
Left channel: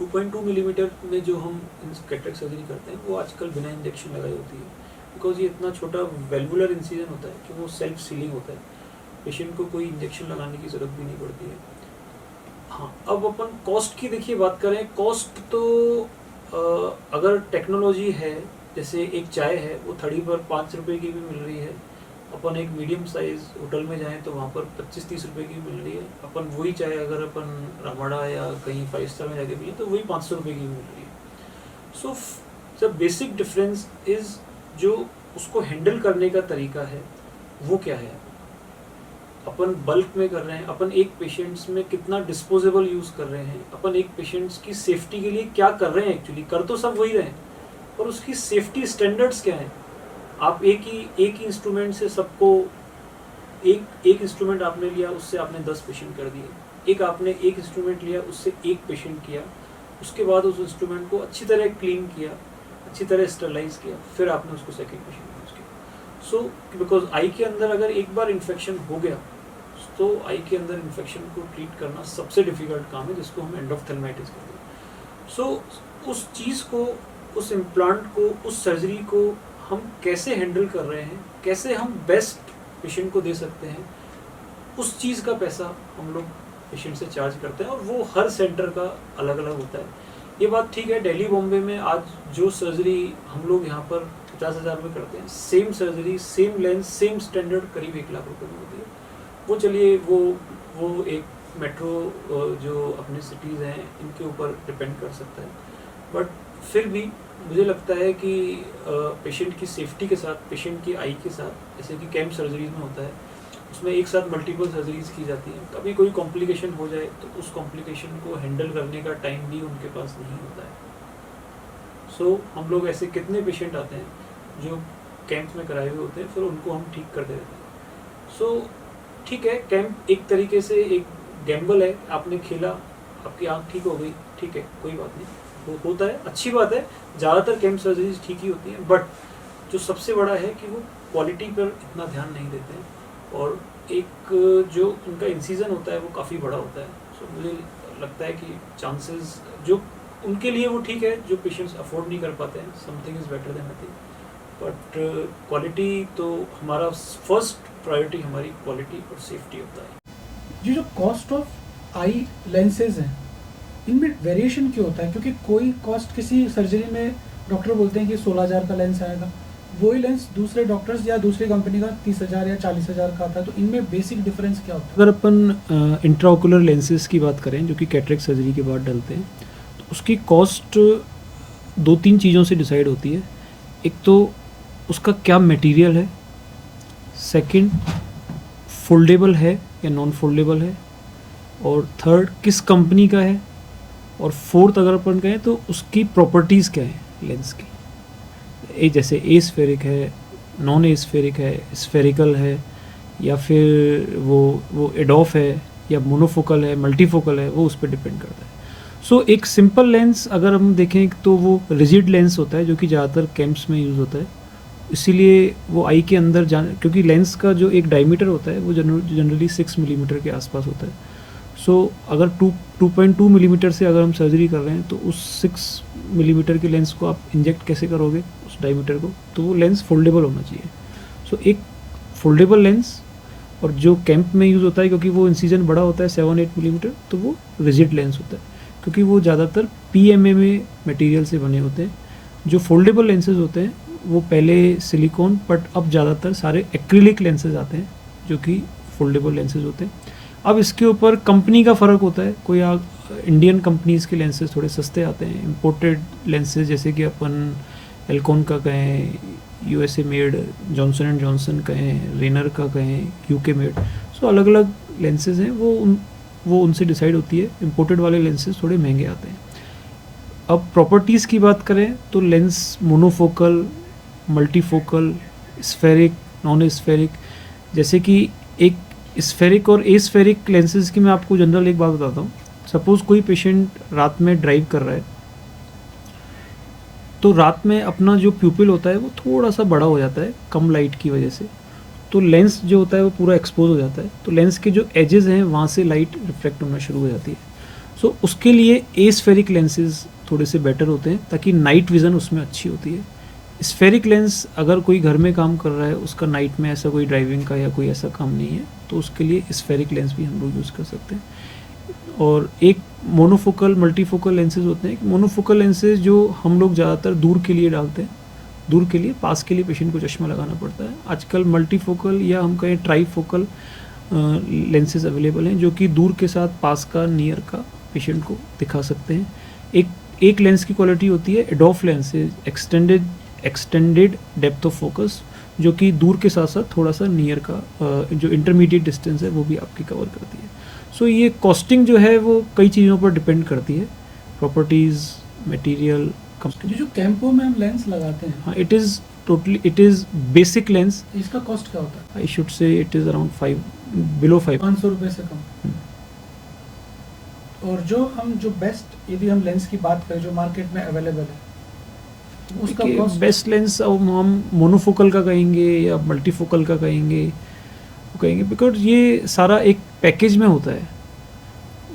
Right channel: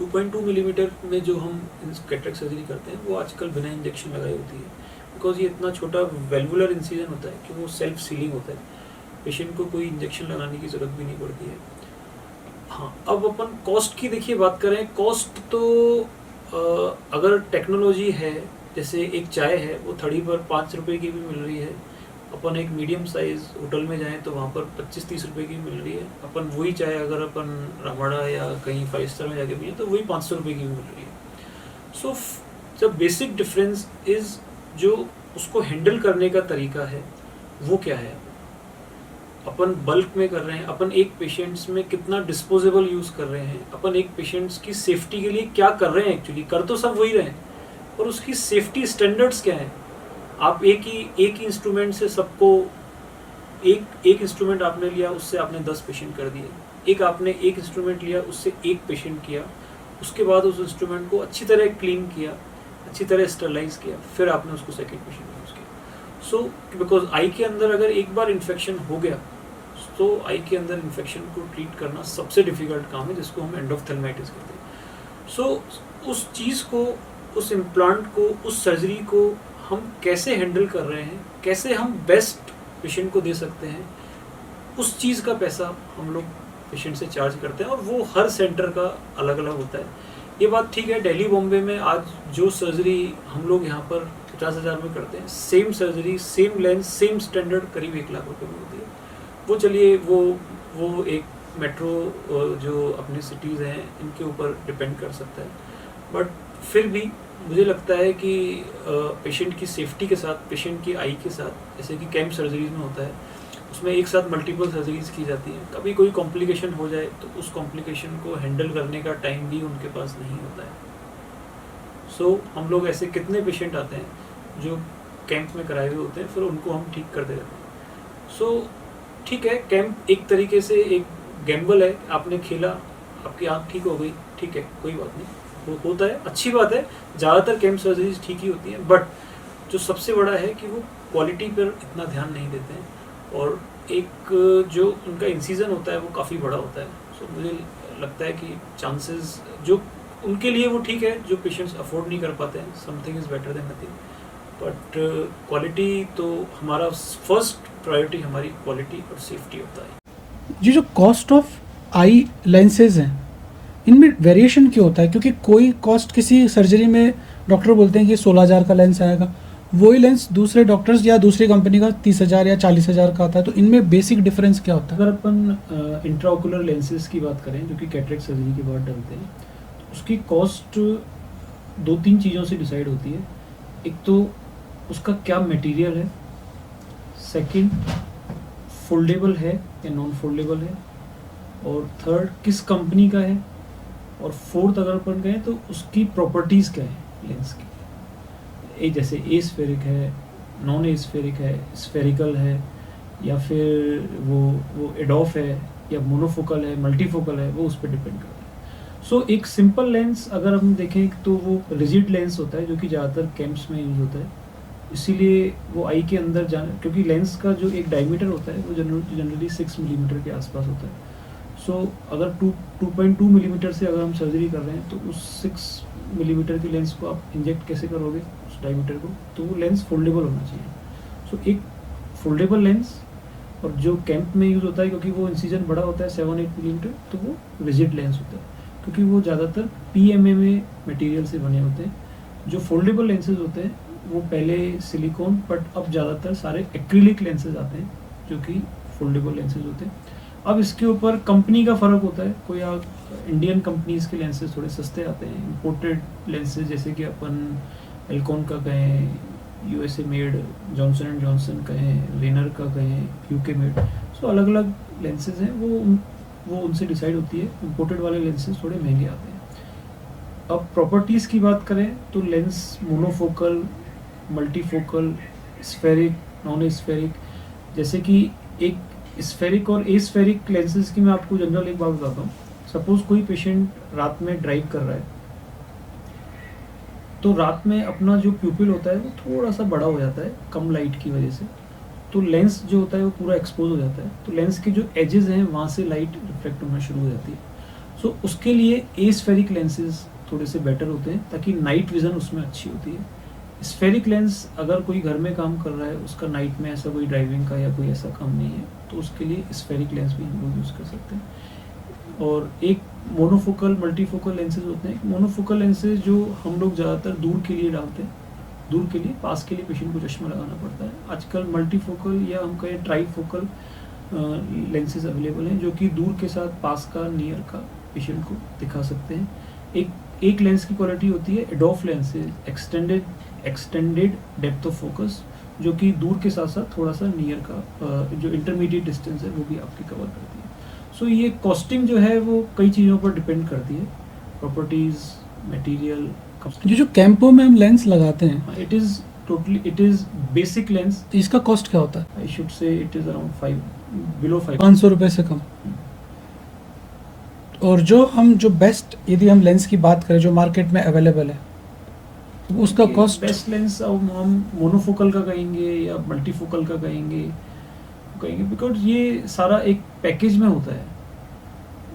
2.2 मिलीमीटर में जो हम कैटरेक्ट सर्जरी करते हैं वो आजकल बिना इंजेक्शन लगाई होती है, बिकॉज ये इतना छोटा वेल्वुलर इंसिजन होता है कि वो सेल्फ सीलिंग होता है, पेशेंट को कोई इंजेक्शन लगाने की ज़रूरत भी नहीं पड़ती है। हाँ, अब अपन कॉस्ट की देखिए बात करें। कॉस्ट तो अगर टेक्नोलॉजी है, जैसे एक चाय है वो थड़ी पर 5 रुपए की भी मिल रही है, अपन एक मीडियम साइज होटल में जाएं तो वहाँ पर 25-30 रुपए की मिल रही है। अपन वही चाय अगर अपन रामड़ा या कहीं 5 स्टार में जाके पिए तो वही 500 रुपए की मिल रही है। So the basic difference is जो उसको हैंडल करने का तरीका है वो क्या है। अपन बल्क में कर रहे हैं, अपन एक पेशेंट्स में कितना डिस्पोजेबल यूज कर रहे हैं, अपन एक पेशेंट्स की सेफ्टी के लिए क्या कर रहे हैं। एक्चुअली कर तो सब वही रहे हैं, पर उसकी सेफ्टी स्टैंडर्ड्स क्या है। आप एक ही इंस्ट्रूमेंट से सबको एक इंस्ट्रूमेंट आपने लिया, उससे आपने 10 पेशेंट कर दिए। एक आपने एक इंस्ट्रूमेंट लिया, उससे एक पेशेंट किया, उसके बाद उस इंस्ट्रूमेंट को अच्छी तरह क्लीन किया, अच्छी तरह स्टरलाइज किया, फिर आपने उसको सेकेंड पेशेंट यूज किया। सो बिकॉज आई के अंदर अगर एक बार इन्फेक्शन हो गया तो आई के अंदर इन्फेक्शन को ट्रीट करना सबसे डिफिकल्ट काम है, जिसको हम एंडोफ्थेल्माइटिस कहते हैं। सो उस चीज़ को, उस इम्प्लांट को, उस सर्जरी को हम कैसे हैंडल कर रहे हैं, कैसे हम बेस्ट पेशेंट को दे सकते हैं, उस चीज़ का पैसा हम लोग पेशेंट से चार्ज करते हैं, और वो हर सेंटर का अलग अलग होता है। ये बात ठीक है, दिल्ली बॉम्बे में आज जो सर्जरी हम लोग यहाँ पर 50,000 में करते हैं, same surgery, same lens, same standard करीब 1 लाख रुपये में होती है। वो चलिए वो एक मेट्रो जो अपने सिटीज़ हैं इनके ऊपर डिपेंड कर सकता है, बट फिर भी मुझे लगता है कि पेशेंट की सेफ्टी के साथ, पेशेंट की आई के साथ, जैसे कि कैंप सर्जरीज में होता है, उसमें एक साथ मल्टीपल सर्जरीज की जाती है। कभी कोई कॉम्प्लिकेशन हो जाए तो उस कॉम्प्लिकेशन को हैंडल करने का टाइम भी उनके पास नहीं होता है। सो हम लोग ऐसे कितने पेशेंट आते हैं जो कैंप में कराए हुए होते हैं, फिर उनको हम ठीक करते रहते हैं। सो ठीक है, कैंप एक तरीके से एक गैम्बल है, आपने खेला, आपकी आँख ठीक हो गई, ठीक है, कोई बात नहीं, वो होता है, अच्छी बात है। ज़्यादातर कैंप सर्जरीज ठीक ही होती हैं, बट जो सबसे बड़ा है कि वो क्वालिटी पर इतना ध्यान नहीं देते हैं, और एक जो उनका इंसीजन होता है वो काफ़ी बड़ा होता है। सो मुझे लगता है कि चांसेस जो उनके लिए वो ठीक है, जो पेशेंट्स अफोर्ड नहीं कर पाते हैं, something is better than nothing. But quality तो हमारा फर्स्ट प्रायोरिटी, हमारी क्वालिटी और सेफ्टी होता है। ये जो कॉस्ट ऑफ आई लेंसेज हैं इनमें वेरिएशन क्यों होता है? क्योंकि कोई कॉस्ट किसी सर्जरी में डॉक्टर बोलते हैं कि 16,000 का लेंस आएगा, वही लेंस दूसरे डॉक्टर्स या दूसरी कंपनी का 30,000 या 40,000 का आता है। तो इनमें बेसिक डिफरेंस क्या होता है? अगर अपन इंट्राओकुलर लेंसेज की बात करें जो कि कैटरेक्ट सर्जरी के बाद डलते हैं, तो उसकी कॉस्ट 2-3 चीज़ों से डिसाइड होती है। एक तो उसका क्या मटेरियल है, सेकंड फोल्डेबल है या नॉन फोल्डेबल है, और थर्ड किस कंपनी का है, और फोर्थ अगर अपन कहें तो उसकी प्रॉपर्टीज़ क्या है लेंस की। जैसे ए स्फेरिक है, नॉन ए स्फेरिक है, स्फेरिकल है, या फिर वो एडोफ है, या मोनोफोकल है, मल्टीफोकल है, वो उस पर डिपेंड करता है। सो एक सिंपल लेंस अगर हम देखें तो वो रिजिड लेंस होता है जो कि ज़्यादातर कैंप्स में यूज़ होता है, इसीलिए वो आई के अंदर क्योंकि लेंस का जो एक डायमीटर होता है वो जनरली 6 मिलीमीटर के आसपास होता है। सो अगर 2.2 मिलीमीटर से अगर हम सर्जरी कर रहे हैं तो उस 6 मिलीमीटर की लेंस को आप इंजेक्ट कैसे करोगे उस डायमीटर को, तो वो लेंस फोल्डेबल होना चाहिए। सो एक फोल्डेबल लेंस, और जो कैंप में यूज़ होता है क्योंकि वो इंसीजन बड़ा होता है 7-8 मिलीमीटर, तो वो रिजिड लेंस होता है क्योंकि वो ज़्यादातर PMMA मटेरियल से बने होते हैं। जो फोल्डेबल लेंसेज होते हैं वो पहले सिलिकॉन, बट अब ज़्यादातर सारे एक्रिलिक लेंसेज आते हैं जो कि फोल्डेबल लेंसेज होते हैं। अब इसके ऊपर कंपनी का फ़र्क होता है, कोई इंडियन कंपनीज़ के लेंसेज थोड़े सस्ते आते हैं, इम्पोर्टेड लेंसेज जैसे कि अपन एल्कॉन का कहें, USA made, Johnson and Johnson कहें, रेनर का कहें, UK मेड। सो अलग अलग लेंसेज हैं, वो उनसे डिसाइड होती है। इम्पोर्टेड वाले लेंसेज थोड़े महंगे आते हैं। अब प्रॉपर्टीज़ की बात करें तो lens monofocal, multifocal, spheric, non spheric, जैसे कि एक स्फेरिक और एस्फेरिक लेंसेज की मैं आपको जनरल एक बात बताता हूँ। सपोज़ कोई पेशेंट रात में ड्राइव कर रहा है, तो रात में अपना जो प्यूपिल होता है वो थोड़ा सा बड़ा हो जाता है कम लाइट की वजह से, तो लेंस जो होता है वो पूरा एक्सपोज हो जाता है, तो लेंस के जो एजेस हैं वहाँ से लाइट रिफ्लेक्ट होना शुरू हो जाती है। सो उसके लिए एस्फेरिक लेंसेज थोड़े से बेटर होते हैं ताकि नाइट विज़न उसमें अच्छी होती है। स्फेरिक लेंस अगर कोई घर में काम कर रहा है, उसका नाइट में ऐसा कोई ड्राइविंग का या कोई ऐसा काम नहीं है, तो उसके लिए स्फेरिक लेंस भी हम लोग यूज़ कर सकते हैं। और एक मोनोफोकल मल्टीफोकल लेंसेज होते हैं। मोनोफोकल लेंसेज जो हम लोग ज़्यादातर दूर के लिए डालते हैं, दूर के लिए, पास के लिए पेशेंट को चश्मा लगाना पड़ता है। आजकल मल्टीफोकल या हम कहें ट्राईफोकल लेंसेज अवेलेबल हैं जो कि दूर के साथ पास का, नियर का पेशेंट को दिखा सकते हैं। एक लेंस की क्वालिटी होती है EDOF lenses, extended depth of focus, जो कि दूर के साथ साथ थोड़ा सा नियर का जो इंटरमीडिएट डिस्टेंस है वो भी आपकी कवर करती है। सो ये कॉस्टिंग जो है वो कई चीज़ों पर डिपेंड करती है, प्रॉपर्टीज़, मटेरियल। ये जो कैंपों में हम लेंस लगाते हैं, हाँ, इट इज़ बेसिक लेंस। इसका कॉस्ट क्या होता है? I should say it is around 5, below 5, 500 रुपये से कम। और जो बेस्ट, यदि हम लेंस की बात करें जो मार्केट में अवेलेबल है, तो उसका कॉस्ट? बेस्ट लेंस अब हम मोनोफोकल का कहेंगे या मल्टीफोकल का कहेंगे बिकॉज ये सारा एक पैकेज में होता है।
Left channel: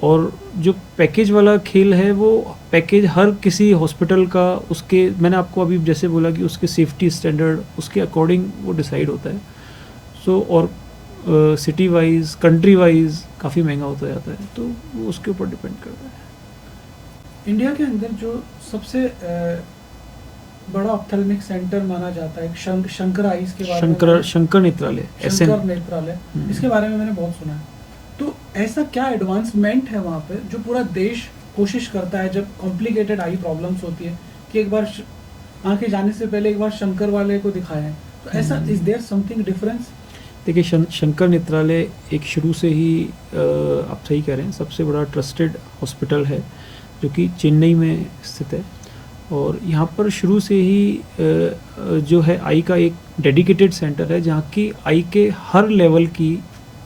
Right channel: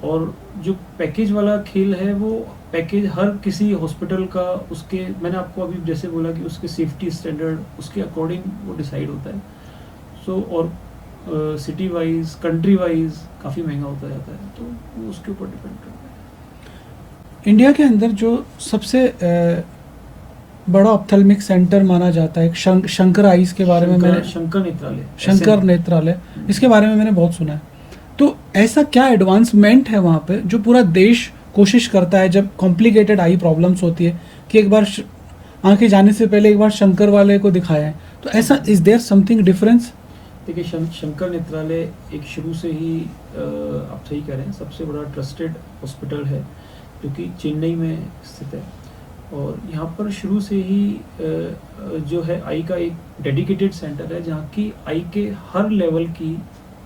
और जो पैकेज वाला खेल है वो पैकेज हर किसी हॉस्पिटल का, उसके, मैंने आपको अभी जैसे बोला कि उसके सेफ्टी स्टैंडर्ड उसके अकॉर्डिंग वो डिसाइड होता है। सो और सिटी वाइज, कंट्री वाइज काफ़ी महंगा होता जाता है, तो वो उसके ऊपर डिपेंड करता है। इंडिया के अंदर जो सबसे बड़ा ऑप्थेल्मिक सेंटर माना जाता है, शंकर आइज के बारे में, शंकर नेत्रालय, शंकर नेत्रालय, इसके बारे में मैंने बहुत सुना है। तो ऐसा क्या एडवांसमेंट है वहाँ पे जो पूरा देश कोशिश करता है जब कॉम्प्लिकेटेड आई प्रॉब्लम्स होती है कि एक बार आंखें जाने से पहले एक बार शंकर वाले को दिखाया है? तो ऐसा इज देयर समथिंग डिफरेंस? देखिए, शंकर नेत्रालय एक शुरू से ही आप सही कह रहे हैं, सबसे बड़ा ट्रस्टेड हॉस्पिटल है जो कि चेन्नई में स्थित है। और यहाँ पर शुरू से ही जो है आई का एक डेडिकेटेड सेंटर है जहाँ की आई के हर लेवल की,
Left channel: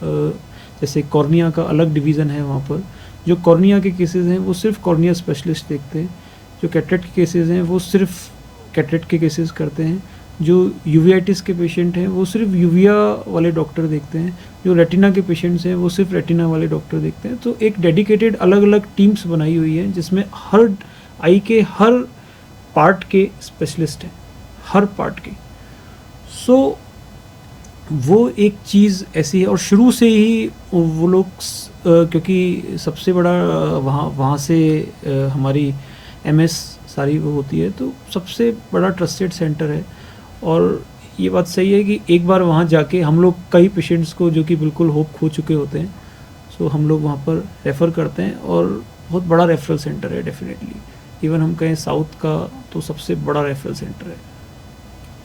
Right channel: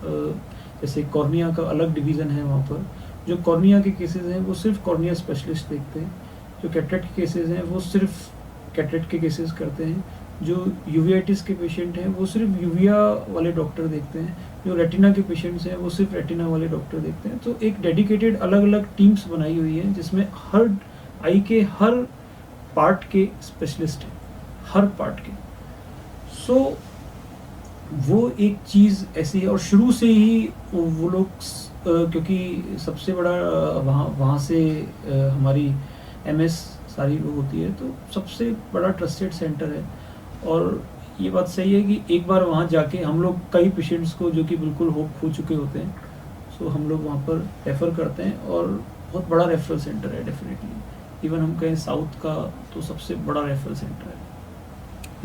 जैसे कॉर्निया का अलग डिवीज़न है वहाँ पर। जो कॉर्निया के केसेस हैं वो सिर्फ कॉर्निया स्पेशलिस्ट देखते हैं, जो कैटरेक्ट के केसेस हैं वो सिर्फ कैटरेक्ट के केसेस करते हैं, जो यूवियाटिस के पेशेंट हैं वो सिर्फ यूविया वाले डॉक्टर देखते हैं, जो रेटिना के पेशेंट्स हैं वो सिर्फ रेटिना वाले डॉक्टर देखते हैं। तो एक डेडिकेटेड अलग अलग टीम्स बनाई हुई है जिसमें हर आई के हर पार्ट के स्पेशलिस्ट हैं, हर पार्ट के। सो वो एक चीज़ ऐसी है। और शुरू से ही वो लोग क्योंकि सबसे बड़ा वहाँ से हमारी MS सारी वो होती है, तो सबसे बड़ा ट्रस्टेड सेंटर है। और ये बात सही है कि एक बार वहाँ जाके हम लोग कई पेशेंट्स को जो कि बिल्कुल होप खो चुके होते हैं, सो हम लोग वहाँ पर रेफ़र करते हैं। और बहुत बड़ा रेफरल सेंटर है डेफिनेटली। इवन हम कहें साउथ का तो सबसे बड़ा रेफरल सेंटर है।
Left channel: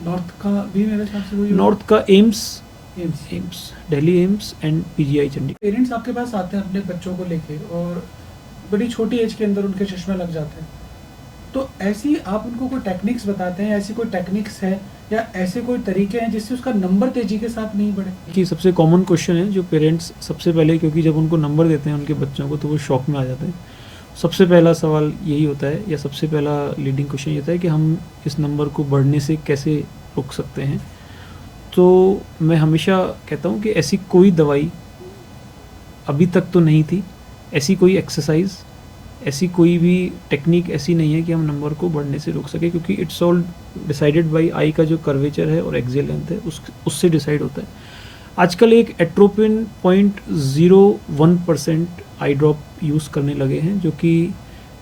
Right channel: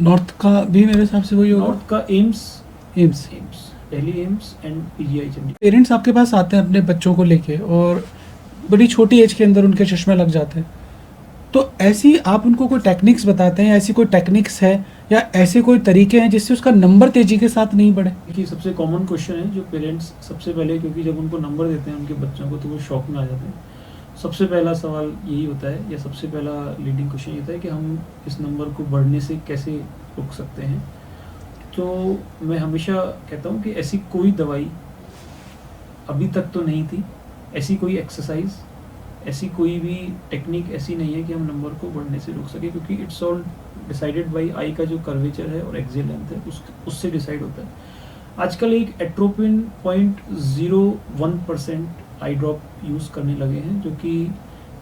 नॉर्थ का भी मेरे हिसाब से वही, नॉर्थ का AIIMS, Delhi AIIMS and PGI Chandigarh. Parents आपके पास आते हैं अपने बच्चों को लेके और बड़ी छोटी एज के अंदर उनके चश्मे लग जाते हैं, तो ऐसी आप उनको कोई टेक्निक्स बताते हैं? ऐसी कोई टेक्निक्स है या ऐसे कोई तरीके हैं जिससे उसका नंबर तेजी के साथ नहीं बढ़े? कि सबसे कॉमन क्वेश्चन है जो पेरेंट्स सबसे पहले, क्योंकि जब उनको नंबर देते हैं उनके बच्चों को तो वो शॉक में आ जाते हैं। सबसे पहला सवाल यही होता है, या सबसे पहला लीडिंग क्वेश्चन ये होता है कि हम इस नंबर को बढ़ने से कैसे रोक सकते हैं। तो मैं हमेशा कहता हूँ कि ऐसी कोई दवाई अभी तक तो नहीं थी, ऐसी कोई एक्सरसाइज, ऐसी कोई भी टेक्निक ऐसी नहीं है कि हम नंबर को बढ़ने से रोक सके, क्योंकि इट्स ऑल डिसाइडेड बाय आई का जो कर्वेचर है और एक्सियल लेंथ है उससे डिसाइड होता है। आजकल एक एट्रोपिन 0.01% आई ड्रॉप यूज़ करने लगे हैं, जो कि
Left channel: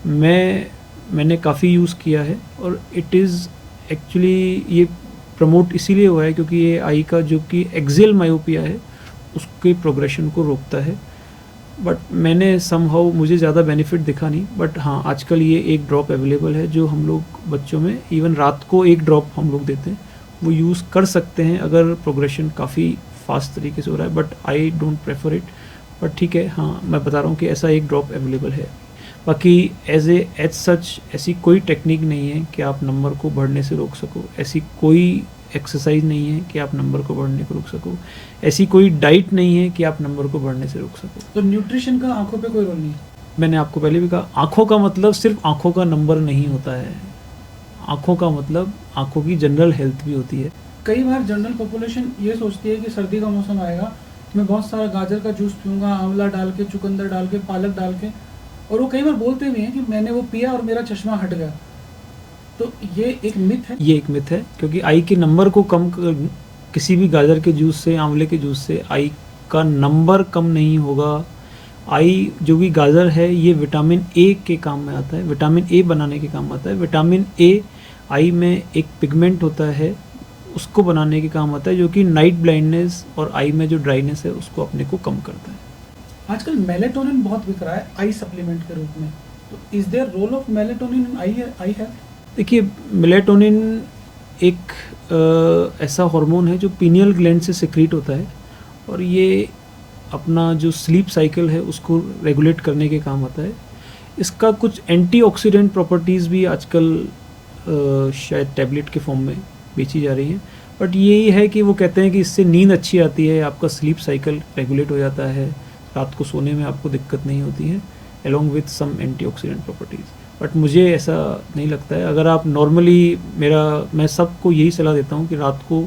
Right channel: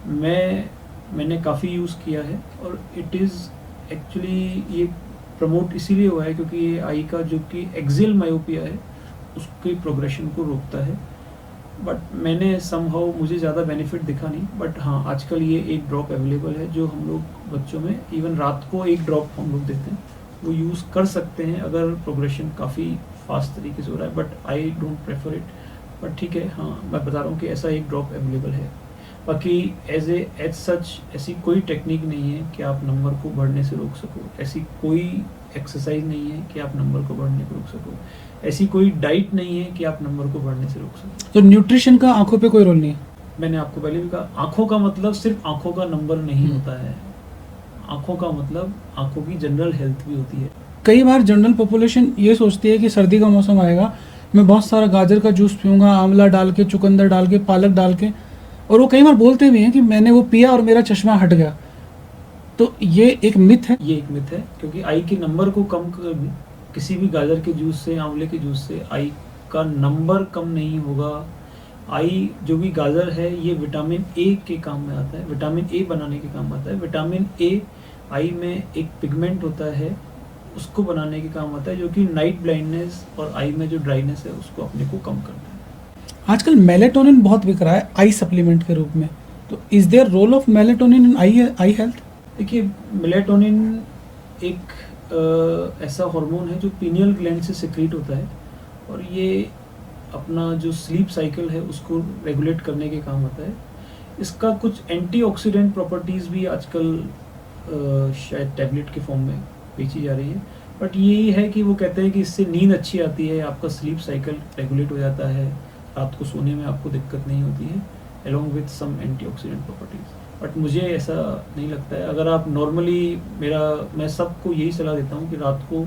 मैंने काफ़ी यूज़ किया है। और इट इज़ एक्चुअली ये प्रमोट इसीलिए हुआ है क्योंकि ये आई का जो कि एक्सियल मायोपिया है उसके प्रोग्रेशन को रोकता है। बट मैंने समहाउ मुझे ज़्यादा बेनिफिट दिखा नहीं, बट हाँ आजकल ये एक ड्रॉप अवेलेबल है जो हम लोग बच्चों में इवन रात को एक ड्रॉप हम लोग देते हैं, वो यूज़ कर सकते हैं अगर प्रोग्रेशन काफ़ी फास्ट तरीके से हो रहा है। But I don't prefer it, but ठीक है, हाँ मैं बता रहा हूँ कि ऐसा एक ड्रॉप अवेलेबल है। बाकी एज सच ऐसी कोई टेक्निक नहीं है कि आप नंबर को बढ़ने से रोक सको, ऐसी कोई एक्सरसाइज नहीं है कि आप नंबर को बढ़ने को रोक सको, ऐसी कोई डाइट नहीं है कि आप नंबर को बढ़ने से रोक सको। तो न्यूट्रिशन का आंखों पे कोई रोल नहीं है? मैंने आपको पहले भी कहा, आँखों का मतलब सिर्फ आँखों का नंबर नहीं होता है, आँखों का मतलब आँखों की जनरल हेल्थ भी होती है। कई बार जनरल पॉपुलेशन ये सोचती है कि सर्दी का मौसम आएगा, मैं बहुत सारा गाजर का जूस पीऊँगा, आंवला डाल के, चुकंदर डाल के, पालक डाल के, और वो कई बार बोलते भी हैं कि मैंने वो पिया और मेरा चश्मा हट गया। तो ये एक मिथ है? ये एक मिथ है, क्योंकि आई के नंबर को कम किसी भी गाजर के जूस से, आंवले के जूस से आई का नंबर कम नहीं होगा, आई जो भी गाजर है ये विटामिन ए के काम में आता है, विटामिन ए बनाने के काम आता है। विटामिन ए आई में एक पिगमेंट होता है, उसको बनाने के काम आता है, जो कि नाइट ब्लाइंडनेस और आई में जो ड्राइनेस है उसको अपने को कम करता है। आजकल मेलेटोनिन बहुत बिक रहा है आई सप्लीमेंट के रूप में, तो is there role of melatonin in eye health? देखिए, मेलेटोनिन एक ऐसा हार्मोन है जो पीनियल ग्लैंड से सिक्रीट होता है और ये अपना जो स्लीप साइकिल है उसको रेगुलेट करने के काम आता है। इसका कुछ एंटीऑक्सीडेंट प्रॉपर्टीज़ भी आजकल शायद टैबलेट के फॉर्म में बेची जा रही हैं, बट यही है कि वो कहते हैं कि इससे नींद अच्छी आती है, आपका स्लीप साइकिल रेगुलेट हो जाता है, रात को सोने में आपको दिक्कत नहीं होती है, along with some antioxidant properties। But मुझे ऐसा नहीं लगता है। अगर आप नॉर्मली मैं सबको यही सलाह देता हूँ कि रात को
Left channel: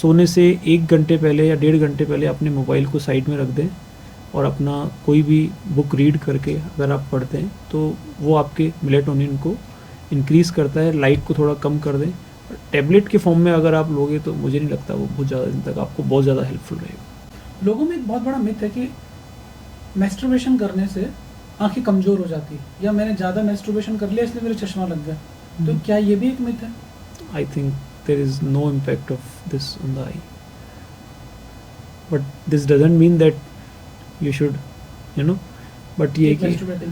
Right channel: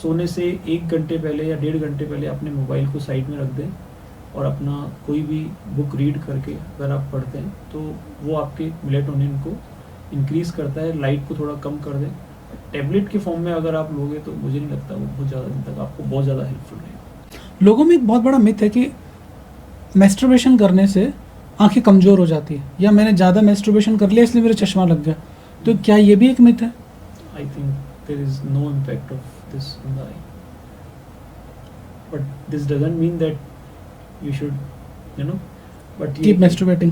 सोने से 1 घंटे पहले या 1.5 घंटे पहले अपने मोबाइल को साइड में रख दें और अपना कोई भी बुक रीड करके अगर आप पढ़ते हैं तो वो आपके मेलेटोनिन को इंक्रीज़ करता है, लाइट को थोड़ा कम कर दें। टैबलेट के फॉर्म में अगर आप लोगे तो मुझे नहीं लगता वो बहुत ज़्यादा दिन तक आपको बहुत ज़्यादा हेल्पफुल रहेगा। लोगों में एक बहुत बड़ा मिथ है कि मैस्टरबेशन करने से आंखें कमज़ोर हो जाती है, या मैंने ज़्यादा मैस्टरबेशन कर लिया इसलिए मेरा चश्मा लग गया, तो क्या ये भी एक मिथ है? I think there is no impact of this on the eye, but this doesn't mean that you should, but ये Keep masturbating.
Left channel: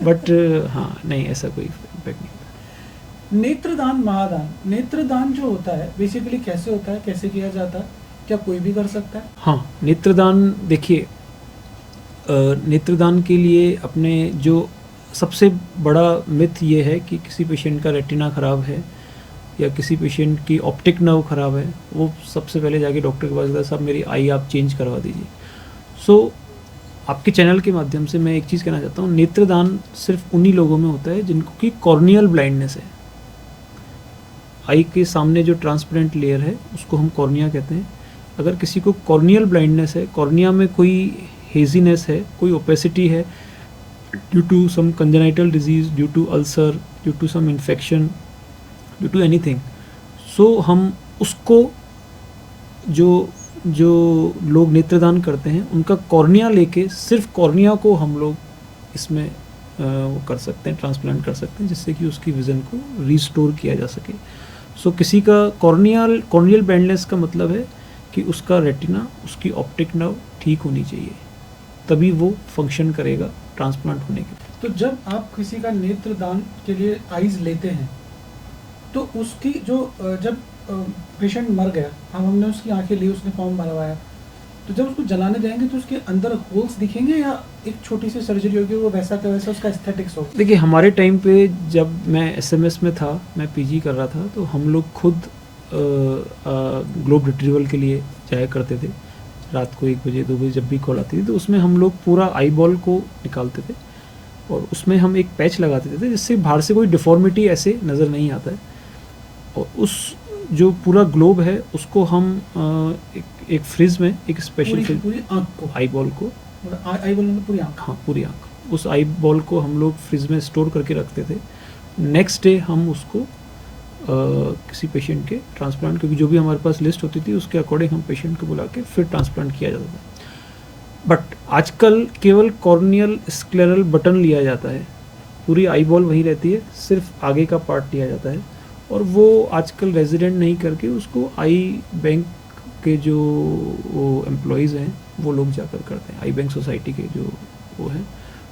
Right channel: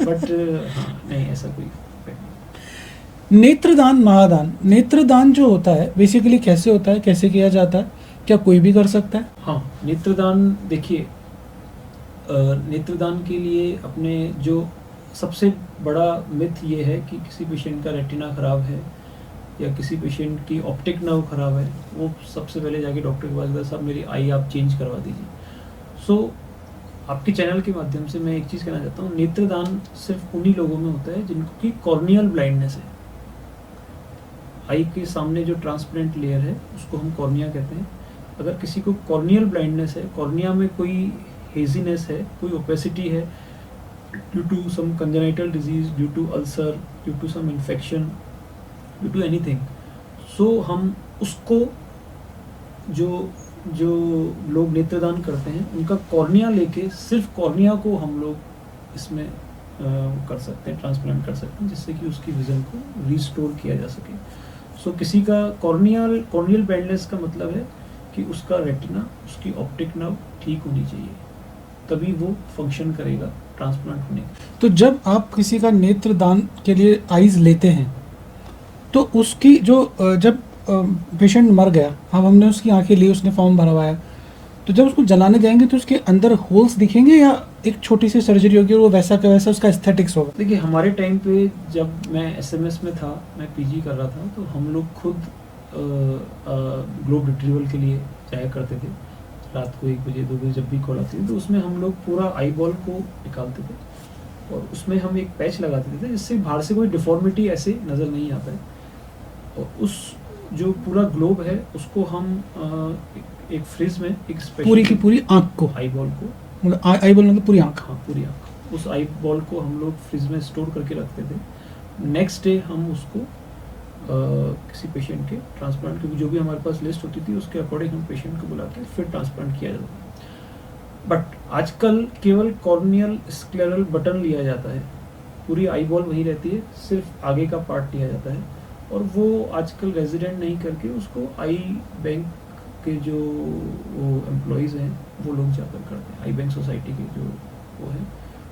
but हाँ, नहीं, ऐसा कोई इम्पैक्ट नहीं। नेत्रदान महादान, नेत्रदान जो होता है बेसिकली कैसे होता है, कैसे किया जाता है, क्या कोई भी कर सकता है? हाँ, नेत्रदान देखिए, नेत्रदान के लिए अपने जो सबसे बड़ा मिथ ये है कि किसी पेशेंट का रेटिना ख़राब है या किसी पेशेंट की ऑप्टिक नर्व ख़राब है, वो सबसे पहले जाके डॉक्टर के पास गए, साहब मेरी आई आप चेंज करवा दीजिए। सो आपके चैनल के माध्यम से मैं एक चीज़ कहना चाहता हूँ, नेत्रदान सिर्फ उन्हीं लोगों में होता है जिनको की कॉर्नियल ब्लाइंडनेस है। आई के सामने जो ट्रांसपेरेंट लेयर है उसको हम कॉर्निया कहते हैं। अगर किसी को कॉर्नियल ब्लाइंडनेस है, कॉर्निया में कोई हेजीनेस है, कोई ओपेसिटी है due to some congenital disease, due to ulcer, due to some infection, due to anything, so हम उसको जो लोग नेत्रदान करते हैं उनका कॉर्निया लेके सिर्फ कॉर्निया को हम लोग इसमें वो कर सकते हैं, ट्रांसप्लांट कर सकते हैं, जिससे कि उसकी विज़न को रिस्टोर किया जा सके। सो किसी का कॉर्नियल ब्लाइंडनेस का मतलब है कि उसका रेटिना, उसकी ऑप्टिक नर्व ठीक होनी चाहिए, तभी वो फंक्शन करेगा ट्रांसप्लांट होने के। तो जब आप किसी का नेत्रदान के लिए आइज़ लेते हैं तो उसकी जो जब पेशेंट मर गया, हमने उसकी आंखें ली, उसने फॉर्म भरवाया, तो जब उसको जलाने जाएंगे तो उसके अंदर होल्स दिखेंगे या एक छोटी सी सर्जरी होगी और वो वैसा का वैसा उसका एस्थेटिक्स होगा? देखिए, हमारे टाइम पे जब मैं एसएमएस में था, मैं पीजी कर रहा था, तो हम लोग खुद ग्लोब रिट्रीवल के लिए जाया करते थे। रात को 1 बजे 2 बजे जब भी कॉल आती थी तो उसमें हम लोग पूरा आई बॉल को निकालते थे और उसमें हम एक पैच लगाते थे जिससे बाहर से कोई डिफॉर्मिटी ऐसे नज़र नहीं आता है। और उस जो पूरा ग्लोब है उसको हम एक फ्रिज में एक स्पेशल पूरी की पूरी आँख को, आई बॉल को, मतलब आई बॉल मतलब पूरी आँख? हाँ, पूरी आँख, उस आई बॉल को हम लोग फ्रिज में स्टोर करके रखते थे। नेक्स्ट डे हम उसको किसी पेशेंट के ट्रांसप्लांट, क्योंकि जो भी हमारे पास लिस्ट होती थी उसके अकॉर्डिंग हम पेशेंट को बुला के फिर ट्रांसप्लांट किया जाता था। बट आजकल केवल कॉर्नियल स्क्लेरल बटन लिया जाता है, पूरी आई बॉल वही रहती है, सिर्फ आगे का पार्ट लिया जाता है और वो आजकल रेजिडेंट नहीं करके उसको आई बैंक के जो एम्प्लॉयज़ हैं वो लोग जाकर करते हैं, आई बैंक सोसाइटी के जो वो हैं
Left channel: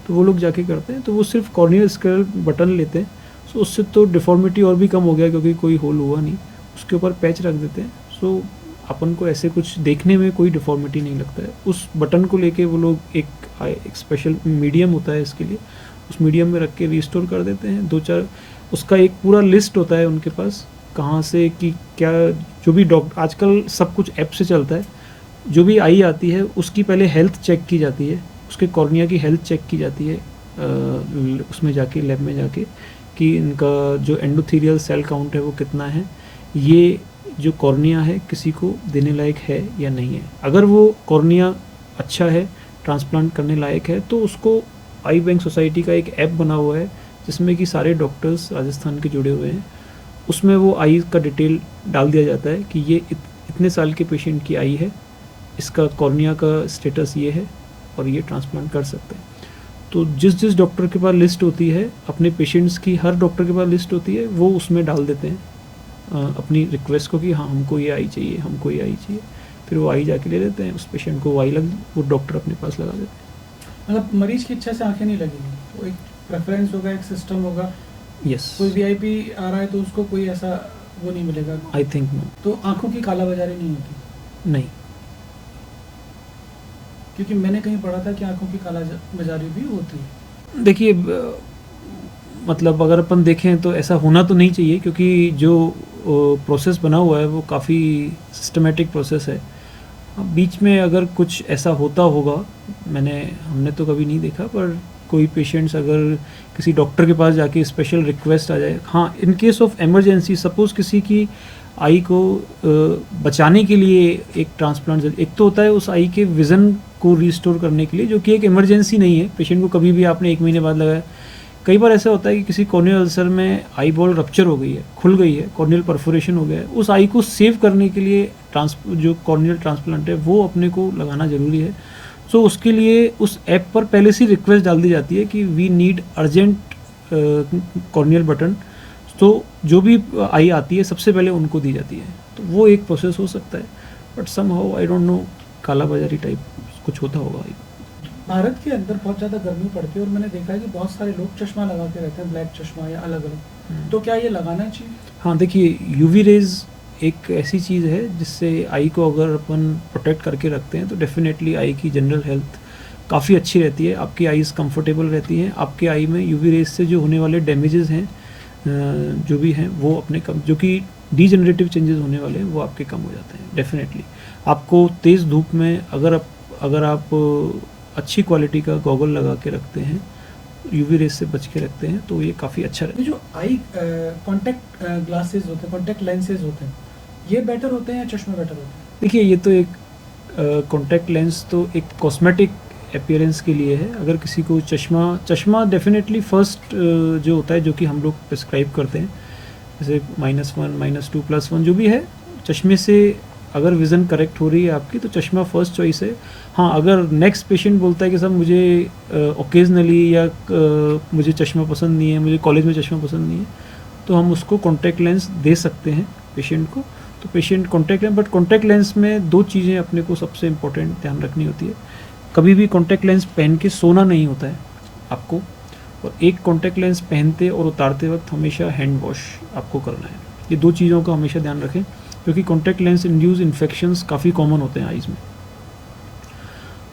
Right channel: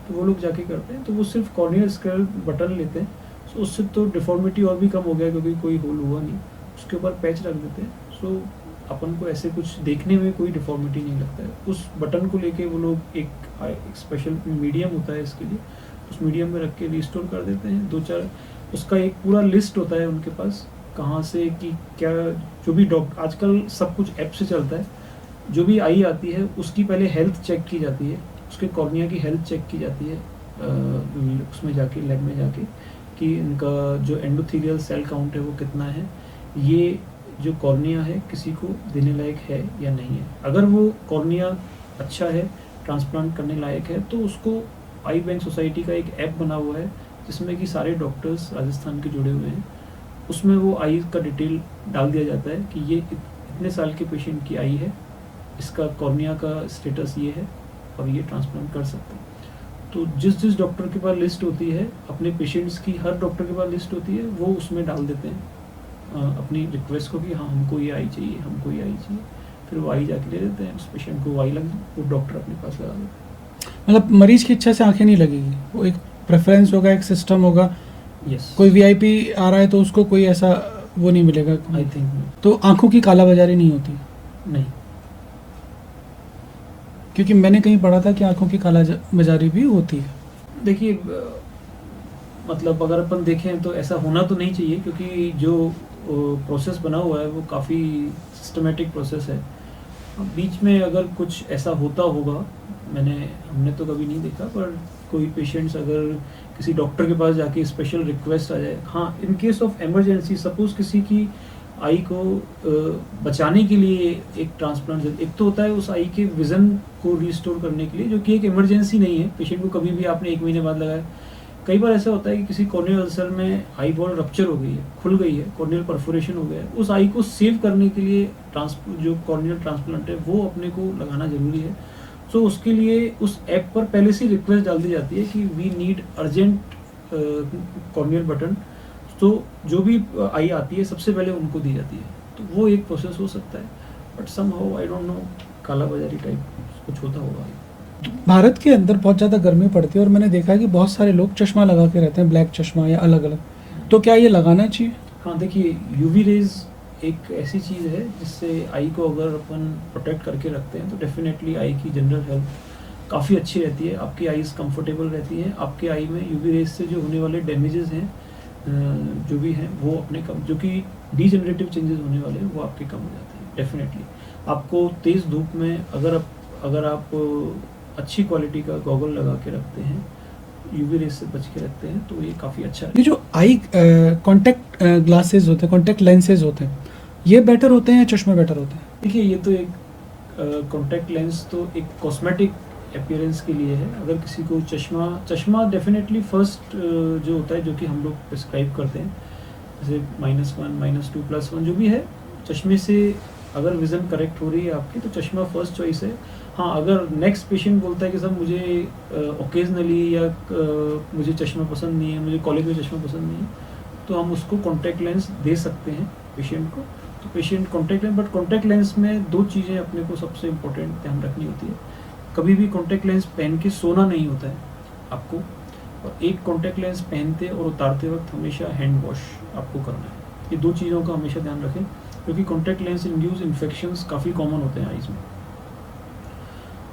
तो वो लोग जाके करते हैं। तो वो सिर्फ कॉर्नियल स्क्लेरल बटन लेते हैं, सो उससे तो डिफॉर्मिटी और भी कम हो गया क्योंकि कोई होल हुआ नहीं, उसके ऊपर पैच रख देते हैं। सो अपन को ऐसे कुछ देखने में कोई डिफॉर्मिटी नहीं लगता है। उस बटन को लेके वो लोग एक स्पेशल मीडियम होता है इसके लिए, उस मीडियम में रख के रिस्टोर कर देते हैं। 2-4 उसका एक पूरा लिस्ट होता है उनके पास, कहाँ से कि क्या, जो भी डॉक्टर आजकल सब कुछ ऐप से चलता है, जो भी आई आती है उसकी पहले हेल्थ चेक की जाती है, उसके कॉर्निया की हेल्थ चेक की जाती है उसमें जाके, लैब में जाके, कि इनका जो एंडोथेलियल सेल काउंट है वो कितना है, ये जो कॉर्निया है किसी को देने लायक है या नहीं है। अगर वो कॉर्निया अच्छा है, ट्रांसप्लांट करने लायक है, तो उसको आई बैंक सोसाइटी का एक ऐप बना हुआ है जिसमें कि सारे डॉक्टर्स राजस्थान के जुड़े हुए हैं, उसमें वो आई का डिटेल डाल दिया जाता है कि ये इतने साल के पेशेंट की आई है, इसका कॉर्निया का स्टेटस ये है, और ये ट्रांसप्लांट कर सकते हैं। तो जिस जिस डॉक्टर के पास लिस्ट होती है, अपने पेशेंट्स की हर डॉक्टर के पास लिस्ट होती है, वो उसमें डाल देते हैं अपनी रिक्वेस्ट को कि हाँ हमको ये आई चाहिए, हमको ये आई चाहिए। फिर वो आई जाके ले लेते हैं, उस पेशेंट को वो आई लग, वो डॉक्टर अपने पास लगा देते हैं। मतलब मरीज की इच्छा से आंखें नहीं लगेगी, वो एक प्रेफरेंस होगा, एक सिस्टम होगा। यस, कोई वीआईपी आ रहा है तो उसको कोई ऐसा वो नहीं मिलेगा। आई थिंक नो, तो आंखों की कालाबाजारी नहीं होती, नहीं। क्योंकि मैंने कहीं पढ़ा था कि आंखों की कालाबाजारी भी होती है। देखिए मतलब अगर अपन देखें तो ऐसा होना तो नहीं चाहिए, क्योंकि जो प्रोसेस बना हुआ है वो काफ़ी सिस्टमेटिक प्रोसेस है। अब बीच में अगर कुछ ऐसा होता होगा, हमने तो कभी नहीं देखा, पर कोई पेशेंट्स अगर किसी डॉक्टर के पास जाके स्पेशल रिक्वेस्ट आ जाए, हाँ in case of emergency, suppose किसी की आई को बचाने के लिए एक ट्रांसप्लांट, एक तो होता है उस आई के विज़न को रिस्टोर करने के लिए, जो कि एक इमरजेंसी नहीं है, पेशेंट को कभी भी आपने 1 महीने बाद लगाया। कई बार ऐसा होता है कि किसी कॉर्नियल अल्सर में आई बॉल रप्चर हो गई है, खुल गई है, कॉर्नियल परफोरेशन हो गया है, उस आई को सेव करने के लिए जो कॉर्नियल ट्रांसप्लांट है वो अपने को लगाना ज़रूरी है। सो उसके लिए उस ऐप पर पहले से रिक्वेस्ट डाल दी जाती है कि we need urgent corneal button. तो जो भी आई आती है सबसे पहले उनको दी जाती है, तो वो एक प्रोसेस हो सकता है। But somehow I don't know, काला बाजारी टाइप कुछ होता होगा। भारत के अंदर बहुत ज़्यादा गर्मी पड़ती है और मैंने देखा है कि बहुत सारे लोग चश्मा लगा के रहते हैं, ब्लैक चश्मा या अलग अलग। तो क्या ये लगाना चाहिए? हाँ देखिए, यूवी रेज एक ऐसी चीज़ है जिससे आई को अगर अपन प्रोटेक्ट करके रखते हैं तो डेफिनेटली आई की जनरल हेल्थ काफ़ी अच्छी रहती है, आपकी आईज़ कंफर्टेबल रहती हैं, आपके आई में यूवी रेज से जो होने वाले डैमेजेस हैं जो भी हैं वो अपने कम, जो कि डीजनरेटिव चेंजेस होने वाले हैं वो आपके कम हो जाते हैं। डेफिनेटली आपको तेज़ धूप में अगर आप अच्छी क्वालिटी का गॉगल लगा के रखते हैं, यूवी रेज से बच के रखते हैं, तो ये काफ़ी अच्छा ये जो आई कॉन्टेक्ट ग्लासेस होते हैं, कॉन्टेक्ट लेंसेज होते हैं, ये बेटर होते हैं या चश्मे बेटर होते हैं? देखिए ये तो एक कॉन्टैक्ट लेंस तो एक कॉस्मेटिक अपीयरेंस के लिए है। अगर किसी को चश्मा डेफिनेटली फर्स्ट जो होता है, जो कि हम लोग प्रिस्क्राइब करते हैं, जैसे -1, -2, +1 जो भी है, चश्मे से अगर विज़न करेक्ट हो रही है आपकी तो चश्मा फर्स्ट चॉइस है। हाँ, अगर नेक्स्ट पेशेंट बोलता है कि सर मुझे ओकेजनली या मुझे चश्मा पसंद नहीं है, मुझे कॉलेज में चश्मा पसंद नहीं है, तो हम उसको कॉन्टैक्ट लेंस दे सकते हैं पेशेंट को। तो patient contact lens, but contact lens में 2 चीज़ें अपने को सबसे इम्पोर्टेंट ध्यान रखनी होती है। कभी भी कॉन्टैक्ट लेंस पहन के सोना नहीं होता है आपको, और एक कॉन्टैक्ट लेंस पहनते और उतारते वक्त हमेशा हैंड वॉश आपको करना है। ये 2 चीज़ों का हमेशा ध्यान रखें, क्योंकि कॉन्टैक्ट लेंस इंड्यूस इन्फेक्शंस काफ़ी कॉमन होते हैं आइज़ में।